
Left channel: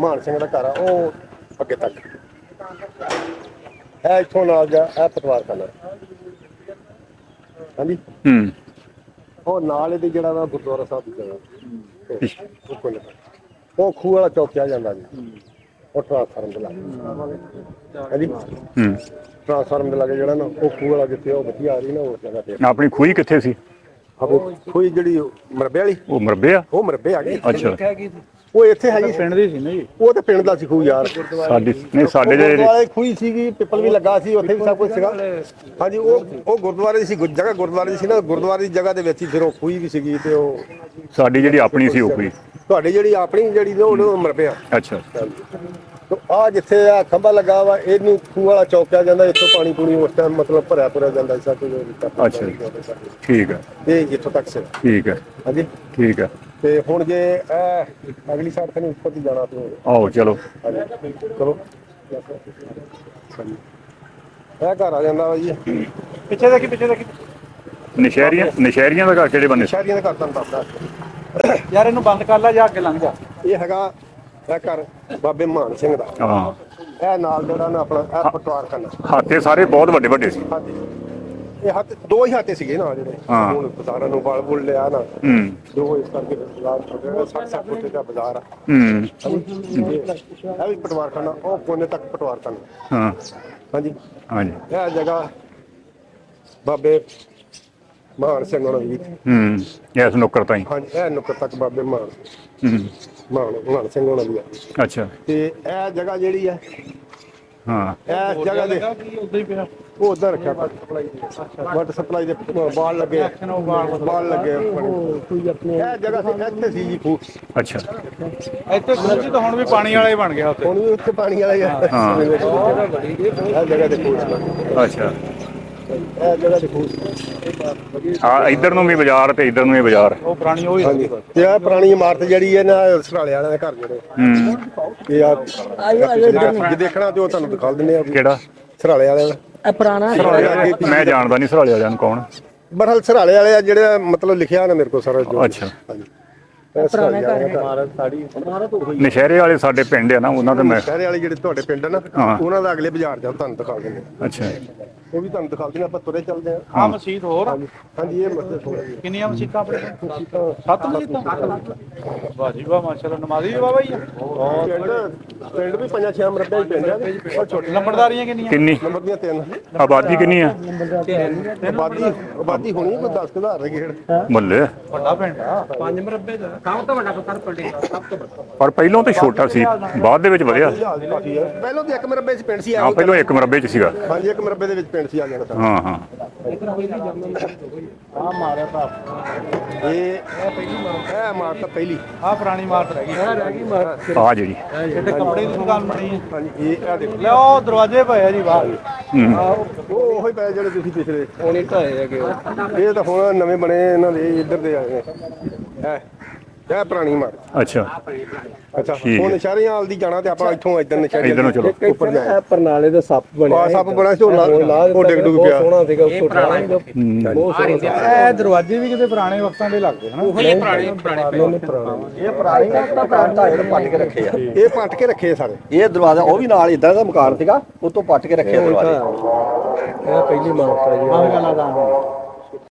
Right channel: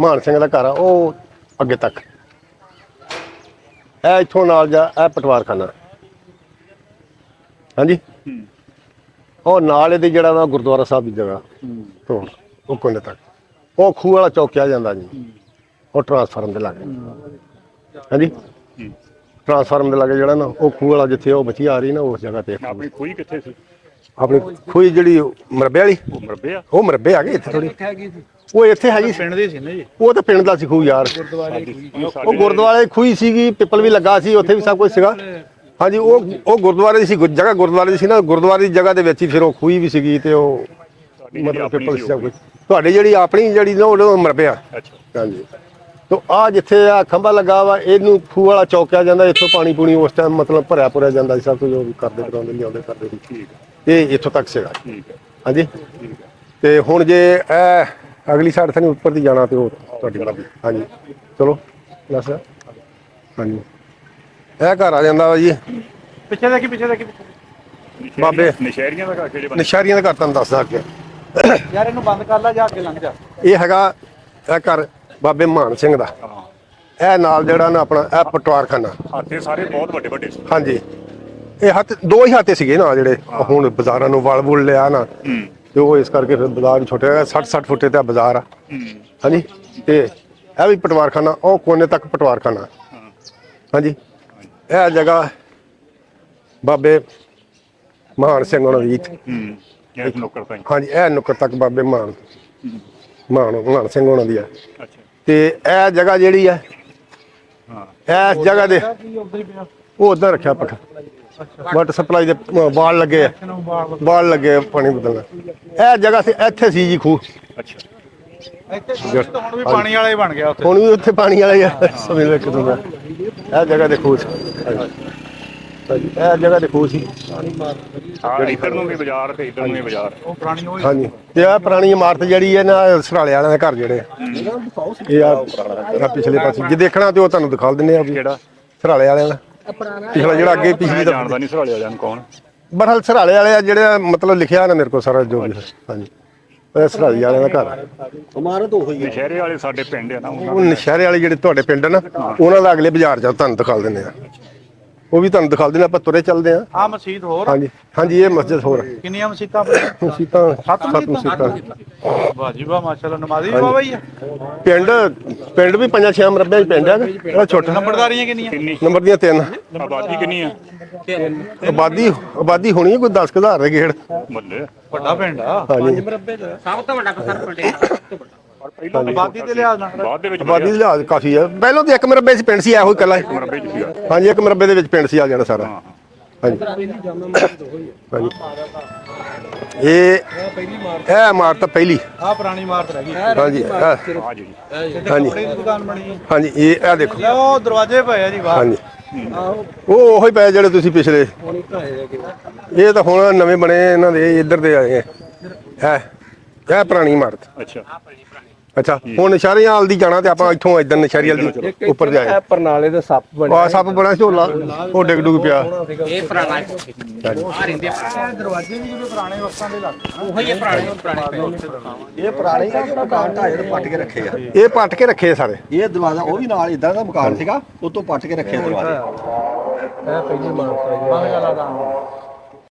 ਮਾਨ ਸਿੰਘ ਦਾ ਘਰ ਆ ਉਹ ਅੱਗੇ ਤੱਕ ਇਹ ਇੱਥੋਂ ਨਾਲ ਜਾ ਇਹ ਪਟਵਾਰਖਾਨਾ ਹਾਂਜੀ ਹੂੰ ਉਹ ਨਾਲ ਇਹਦੇ ਜਿਹੜਾ ਵਾ ਗੁਰਦੁਆਰਾ ਸਾਹਿਬ ਦੀ ਜਗ੍ਹਾ ਤੋਂ ਉਹ ਕੋਨੇ ਤੱਕ ਉਹ ਖੂਹ ਵਾਲਾ ਚੌਕ ਕਿਹਾ ਜਾਂਦਾ ਜੀ। ਉਹ ਟਰਾਂਸਫਾਰਮ ਦੇ ਲਾਗੇ ਹਾਂਜੀ ਟਰਾਂਸਫਾਰਮ ਦੇ ਲਾਗੇ ਜਿਹੜਾ ਨਾ ਉਹ ਖੂਹ ਵਾਲਾ ਜਿੱਥੇ ਉਹ ਬੱਚੀ ਆ ਰਹੀ ਨਾ ਉਸ ਜਗ੍ਹਾ ਤੇ ਆਪਣੀ ਖੂਹੀ ਕਿੱਥੇ ਸੀ? ਆਪਣੀ ਖੂਹੀ ਜਿਹੜੀ ਮਰਬੇ ਵਾਲੀ ਉਹ ਮਰਬੇ ਆ? ਉਹ ਮਰਬੇ ਆ ਗਏ ਇੱਥੇ। ਅੱਛਾ ਉਹ ਇੱਥੇ ਹੈਗੀ ਪਿੰਡ ਦੀ ਸੀ ਨਾ ਜੀ। ਉਹ ਤਾਂ ਪਿੰਡ ਦਾ ਸੀ ਖੂਹ ਯਾਰ। ਸਾਡੀ ਨਹੀਂ ਉਹ ਸਾਡੇ ਗੁਰਦੁਆਰੇ ਦੀ ਖੂਹੀ ਸੀਗੀ, ਪਿੱਪਲ ਵੀ ਲੱਗਾ ਸੀ, ਉੱਥੇ ਵੀ ਸਭ ਕੁਝ ਸੀਗਾ। ਹਾਂਜੀ ਉਹ ਗੁਰਦੁਆਰੇ ਦੀ ਸੀ ਜਗ੍ਹਾ, ਗੁਰਦੁਆਰੇ ਦੀ ਸੀ ਨਾ, ਗੁਰਦੁਆਰੇ ਦੀ ਜਗ੍ਹਾ ਦੇ ਵਿੱਚ ਹੀ ਫਿਰ ਉਹ ਖੂਹੀ ਵੀ ਸੀਗੀ ਤੇ ਉਹ ਸਾਡੀ ਜਿਹੜੀ ਆਪਣੀ ਸੀ ਉਹ ਖੂਹੀ। ਤੁਹਾਡੀ ਜਿਹੜੀ ਆਪਣੀ ਜਿਹੜੀ ਨਾ ਉਹ ਮਰਬਿਆ। ਅੱਛਾ ਹਾਂਜੀ ਤੇ ਆ ਜਿੱਥੇ ਆ ਖੰਭਾ ਲੱਗਾ ਵਾ ਇਹਨੂੰ ਖੂਹ ਵਾਲਾ ਚੌਕ ਕਿਹਾ ਜਾਂਦਾ। ਇੱਥੋਂ ਪਾਣੀ ਪੂਣੀ ਉਸ ਟਾਈਮ ਮਤਲਬ ਭਰਿਆ ਪੁਰਿਆ ਜਾਂਦਾ ਸੀ, ਸਭ ਕੁਝ ਉਹ ਵੀ ਕਰਦੇ ਲਿਆਉਂਦੇ ਕਰਦੇ ਸੀ। ਠੀਕ ਹੈ ਇਹ ਇੱਥੋਂ ਤੱਕ ਸੀਗਾ। ਠੀਕ ਹੈ ਹਾਂਜੀ ਠੀਕ ਹੈ। ਤੇ ਹੁਣ ਜੇ ਇਹ ਅਗਲੀ ਸਾਈਡ ਤੇ ਉੱਪਰ ਦੀ ਜਾਣਾ ਤੇ ਉਹ ਆਓ ਚਲੋ। ਹਾਂਜੀ ਚਲੋ ਦੱਸ। ਹਾਂਜੀ ਇਹ ਘਰ ਆ ਜਾਂਦਾ ਵਾ ਜੀ। ਪਿੱਛੇ ਦੇਖੀ ਪਿੱਛੇ ਦੇਖੀ। ਨਸ਼ਹਿਰੀਆਂ ਦਾ ਘਰ ਕਿਹੜੇ ਬੰਦੇ? ਨਿਸ਼ਾਰੀਆਂ ਦਾ ਘਰ ਤੁਹਾਨੂੰ ਦੱਸਦਾ ਅੱਗੇ। ਯਾਰ ਇਹਨੂੰ ਬੰਦ ਕਰ ਲੈ ਜਾ ਕੇ ਲੰਘ ਜਾ। ਇਹ ਹੈਗਾ ਇਹ ਘਰ ਬਾਬੇ ਮਾਨ ਸਿੰਘ ਦਾ। ਹਾਂ ਇਹ ਨਾਲ ਜਿਹੜਾ ਨਾ ਆਪਣਾ ਇਹ ਪਟਵਾਰਖਾਨਾ। ਹਾਤੇ ਸਾਰੇ ਬਹੁਤ ਵੱਡੇ ਵੱਡੇ ਸੀ। ਹਾਂਜੀ ਇਹ ਹੱਥ ਦੋ ਹੀ ਹਾਤੇ ਸੀਗੇ ਨਾ ਜਿਹੜੇ ਹੁਣ ਬਾਜ਼ਾਰਾਂ ਨੂੰ ਵਲ ਵੁਲ ਲਿਆ ਨਾ ਤੇ ਉਹ ਇਸ ਕਰਕੇ ਫਿਰ ਬਾਜ਼ਾਰ ਛੋਟੇ 60 ਫੁੱਟੇ ਤੇ ਬਾਜ਼ਾਰ ਆ। ਹਾਂਜੀ ਤੇ ਇਹ ਵੀ ਪਟਵਾਰਖਾਨਾ ਉਹ ਕੋਨੇ ਤੱਕ ਪਟਵਾਰਖਾਨਾ। ਹਾਂ ਹਾਂਜੀ ਹਾਂਜੀ ਇਹ ਜਗ੍ਹਾ ਬਾਬੇ ਮਾਨ ਸਿੰਘ ਉਹਨਾਂ ਦੀ। ਇਸ ਨੁੱਕਰ ਤਾਈਂ। ਹਾਂਜੀ ਇਹ ਨੁੱਕਰ ਤੱਕ ਬਾਬੇ ਮਾਨ ਸਿੰਘ ਉਹਨਾਂ ਦੀ ਆ। ਅੱਛਾ ਤੇ ਇਹ ਜਗ੍ਹਾ ਜਿਹੜੀ ਆ ਹਾਂ ਇਸ ਜਗ੍ਹਾ ਦੇ ਉਧਰ ਹੀ ਪਿਆ। ਉਹ ਉਧਰ ਰੱਖਿਆ ਪੱਠ ਵਾਟਰ ਸਪਲਾਈ ਦੇ ਬਾਲ ਲੱਗੇ ਆ। ਬਾਲ ਲੱਗੇ ਆ ਪਾਣੀ ਬਦਲਣਾ। ਇਹ ਜਗ੍ਹਾ ਸੀ ਇੱਥੇ ਸੀ ਜੀ ਖੂਹ। ਅੱਛਾ ਇੱਥੇ ਤਾਂ ਹੁਣ ਵੀ ਪਾਣੀ ਵਾਲਾ ਹੀ ਬਣ ਗਿਆ ਉੱਥੇ। ਹੁਣ ਵੀ ਉੱਥੇ ਪਾਣੀ ਵਾਲਾ ਹੀ ਆ। ਇਹ ਜਗ੍ਹਾ ਦੇ ਖੂਹ ਸੀ। ਅੱਛਾ ਇਹ ਜਗ੍ਹਾ ਦੇ ਖੂਹ ਸੀ। ਹਾਂ ਇੱਧਰ ਨੂੰ ਵੀ ਬਾਜ਼ਾਰ ਤੇ ਇੱਧਰ ਨੂੰ ਵੀ ਬਾਜ਼ਾਰ। ਉਹ ਪੁਰਾਣੀ ਉਹ ਹਾਂਜੀ ਤੇ ਇਹ ਪੁਰਾਣੀ ਇਮਾਰਤ ਜਿਹੜੀ ਹੈ ਨਾ ਸਰਾਲੇ ਵਾਲਿਆਂ ਦੇ ਘਰ ਜਿਹੜੇ ਇਹ ਆ ਪਿਛਲੇ ਪਾਸੇ ਜੇ ਦੇਖਣਾ ਤੇ ਉਹ ਤੁਹਾਨੂੰ ਦਿਖਾ ਦਿੰਦੇ ਆ। ਕਿਹੜਾ? ਸਰਾਲੇ ਵਾਲਿਆਂ ਦਾ ਇਹ ਪੁਰਾਣਾ ਪਿਛਲਾ ਜਿਹੜਾ ਅੱਗੇ ਮੈਂ ਪਿਛਲੀ ਜਾਣਦਾ ਨਹੀਂ ਸਰਾਲੇ ਵਾਲਿਆਂ ਨੂੰ ਕੌਣ। ਬਰਹਲ ਸਰਾਲੇ ਵਾਲੇ ਆ ਜਿਹੜੇ ਮਤਲਬ ਲਿਖਿਆ ਨਾ ਮੇਰੇ ਕੋਲ ਸਾਰਾ ਜੋ। ਹਾਂਜੀ ਇਹ ਸਰਾਲੇ ਵਾਲਿਆਂ ਦਾ ਘਰ। ਇਮਾਰਤ ਉਹ ਹੀ ਨਸ਼ਹਿਰੇ ਵਾਲੇ ਸਾਡੇ ਪਿੰਡ ਆ ਨਾ ਉਹਨਾਂ ਉਹ ਦਾ। ਨਸ਼ਹਿਰੇ ਵਾਲੇ ਜਿਹੜੇ ਤੁਹਾਡੇ ਪਿੰਡ ਨਾ ਉਹਨਾਂ ਦਾ ਅਗਲੇ ਬਾਜ਼ਾਰ ਜਾ ਤੁਹਾਨੂੰ ਦਿਖਾ ਦਿੰਦੇ ਆ। ਅੱਛਾ ਉਹ ਵੀ ਤੁਹਾਨੂੰ ਦਿਖਾ ਦਿੰਦੇ ਆਪਾਂ ਤੁਰੇ ਚੱਲਦੇ ਆ। ਆ ਮਸਜਿਦ ਹੋਰ ਹਾਂਜੀ ਹਾਂਜੀ ਇਹ ਮਸਜਿਦ ਹੋਰ ਕਿੰਨੀਆਂ ਮਸਜਿਦਾਂ ਆਪਣੇ? ਮਸੀਤਾਂ 7 ਮਸੀਤਾਂ। ਵਾਹ ਜੀ ਵਾਹ ਮਾਸ਼ਾਅੱਲਾ। ਨਮਾਜ਼ੀ ਵੀ ਬਾਬਾ ਹੀ ਆ। ਪਿੰਡ ਵੀ 5-6 ਮਰਬਿਆਂ ਚ ਪਿੰਡ ਆ। ਉਹ ਛੋਟੇ ਨੰਬਰਦਾਰੀਆਂ ਕਿੰਨੀਆਂ? ਕਿੰਨੀ ਨੰਬਰ ਦੀਆਂ 3 ਆਬਾਦੀ ਕਿੰਨੀ ਆ? ਆਬਾਦੀ ਹੋਣੀ ਕੋਈ 10,000 ਦੇ ਗੇੜ। ਮੁੱਲੇ ਵੱਡਾ ਪਿੰਡ ਆ। 5 ਮਰਬੇ ਚ। ਪਰ ਪਹਿਲਾਂ ਤਾਂ ਛੋਟਾ ਸੀ ਬਾਅਦ ਦੇ ਵਿੱਚ ਵਧਿਆ। ਲਿਹਾਜ਼ ਕਾਫੀ ਆ। ਪਹਿਲਾਂ ਤਾਂ 1 ਮਰਬੇ ਚ ਪਿੰਡ ਸੀ ਇਹੋ ਗੱਲਾਂ। ਇੱਕ ਮਰਬੇ ਚ ਸੀਗਾ। ਹਾਂਜੀ 1 ਮਰਬੇ ਦੇ ਵਿੱਚ ਪਿੰਡ ਸੀ ਆ ਜਾਣਾ ਸਾਰਾ। ਹਾਂ ਹਾਂ ਹਾਂਜੀ ਇਹ ਇਮਾਰਤ ਪਹਿਲੀ। ਆ ਪੁਰਾਣੀ ਇਮਾਰਤ ਹੈਗੀ। ਹਾਂਜੀ ਆ ਜਿਹੜੀ ਕੱਪੜੇ ਦੀ ਦੁਕਾਨ ਬਣੀ ਹੈ। ਹਾਂਜੀ ਇਹ ਦੇਖੋ। ਉਹ ਦਰਵਾਜ਼ੇ ਪਏ ਆ ਜੀ ਬਾਹਰ। ਹਾਂਜੀ ਉਹ ਉਹੀ ਪਏ ਜਿਹੜੇ ਤੁਸੀਂ ਪਿਛਲੇ ਇਹ ਤਾਂ ਹੁਣ ਨਵੇਂ ਬਣੇ ਇਹਨਾਂ ਦੇ ਇੱਧਰ ਦੇ ਆਏ ਆ। ਇਹ ਪੁਰਾਣੀ ਇਮਾਰਤ। ਅੱਛਾ ਹੁਣ ਨਸ਼ਹਿਰੀਆਂ ਵਾਲ ਦੀ ਜਾਣਾ ਤੇ ਆਪਾਂ ਇੱਥੋਂ ਇਧਰ ਨਸ਼ਹਿਰੀ ਵਾਲ ਦੀ ਉੱਪਰ ਜਾਏ। ਪਰਨਾਲੇ ਦੇ ਸੱਪ ਬਣੇ। ਆ ਸੱਪ ਬਣਾ ਝੋਲਾ ਉਹ ਡਿੱਗ ਡੁੱਗ ਪਿਆ। ਇਹ ਦਰਵਾਜ਼ੇ ਵੀ ਕਿਤੇ ਪੁਰਾਣੇ ਵਕਤਾਂ ਦੇ ਲੱਗਦੇ ਹਨ। ਇਹ ਪੱਟ ਕੇ ਰੱਖੇ ਸਾਰੇ। ਇਹ ਦਰਵਾਜ਼ਾ ਉਹ ਵੀ ਨਾਲ ਇਦਾਂ ਦਾ ਮਕਾਨ ਸੀਗਾ, ਉਤੋਂ ਪੱਟ ਕੇ ਰੱਖੇ ਦਰਵਾਜ਼ੇ। ਇਹ ਪਹਿਲੀ ਇਮਾਰਤ ਹੈ।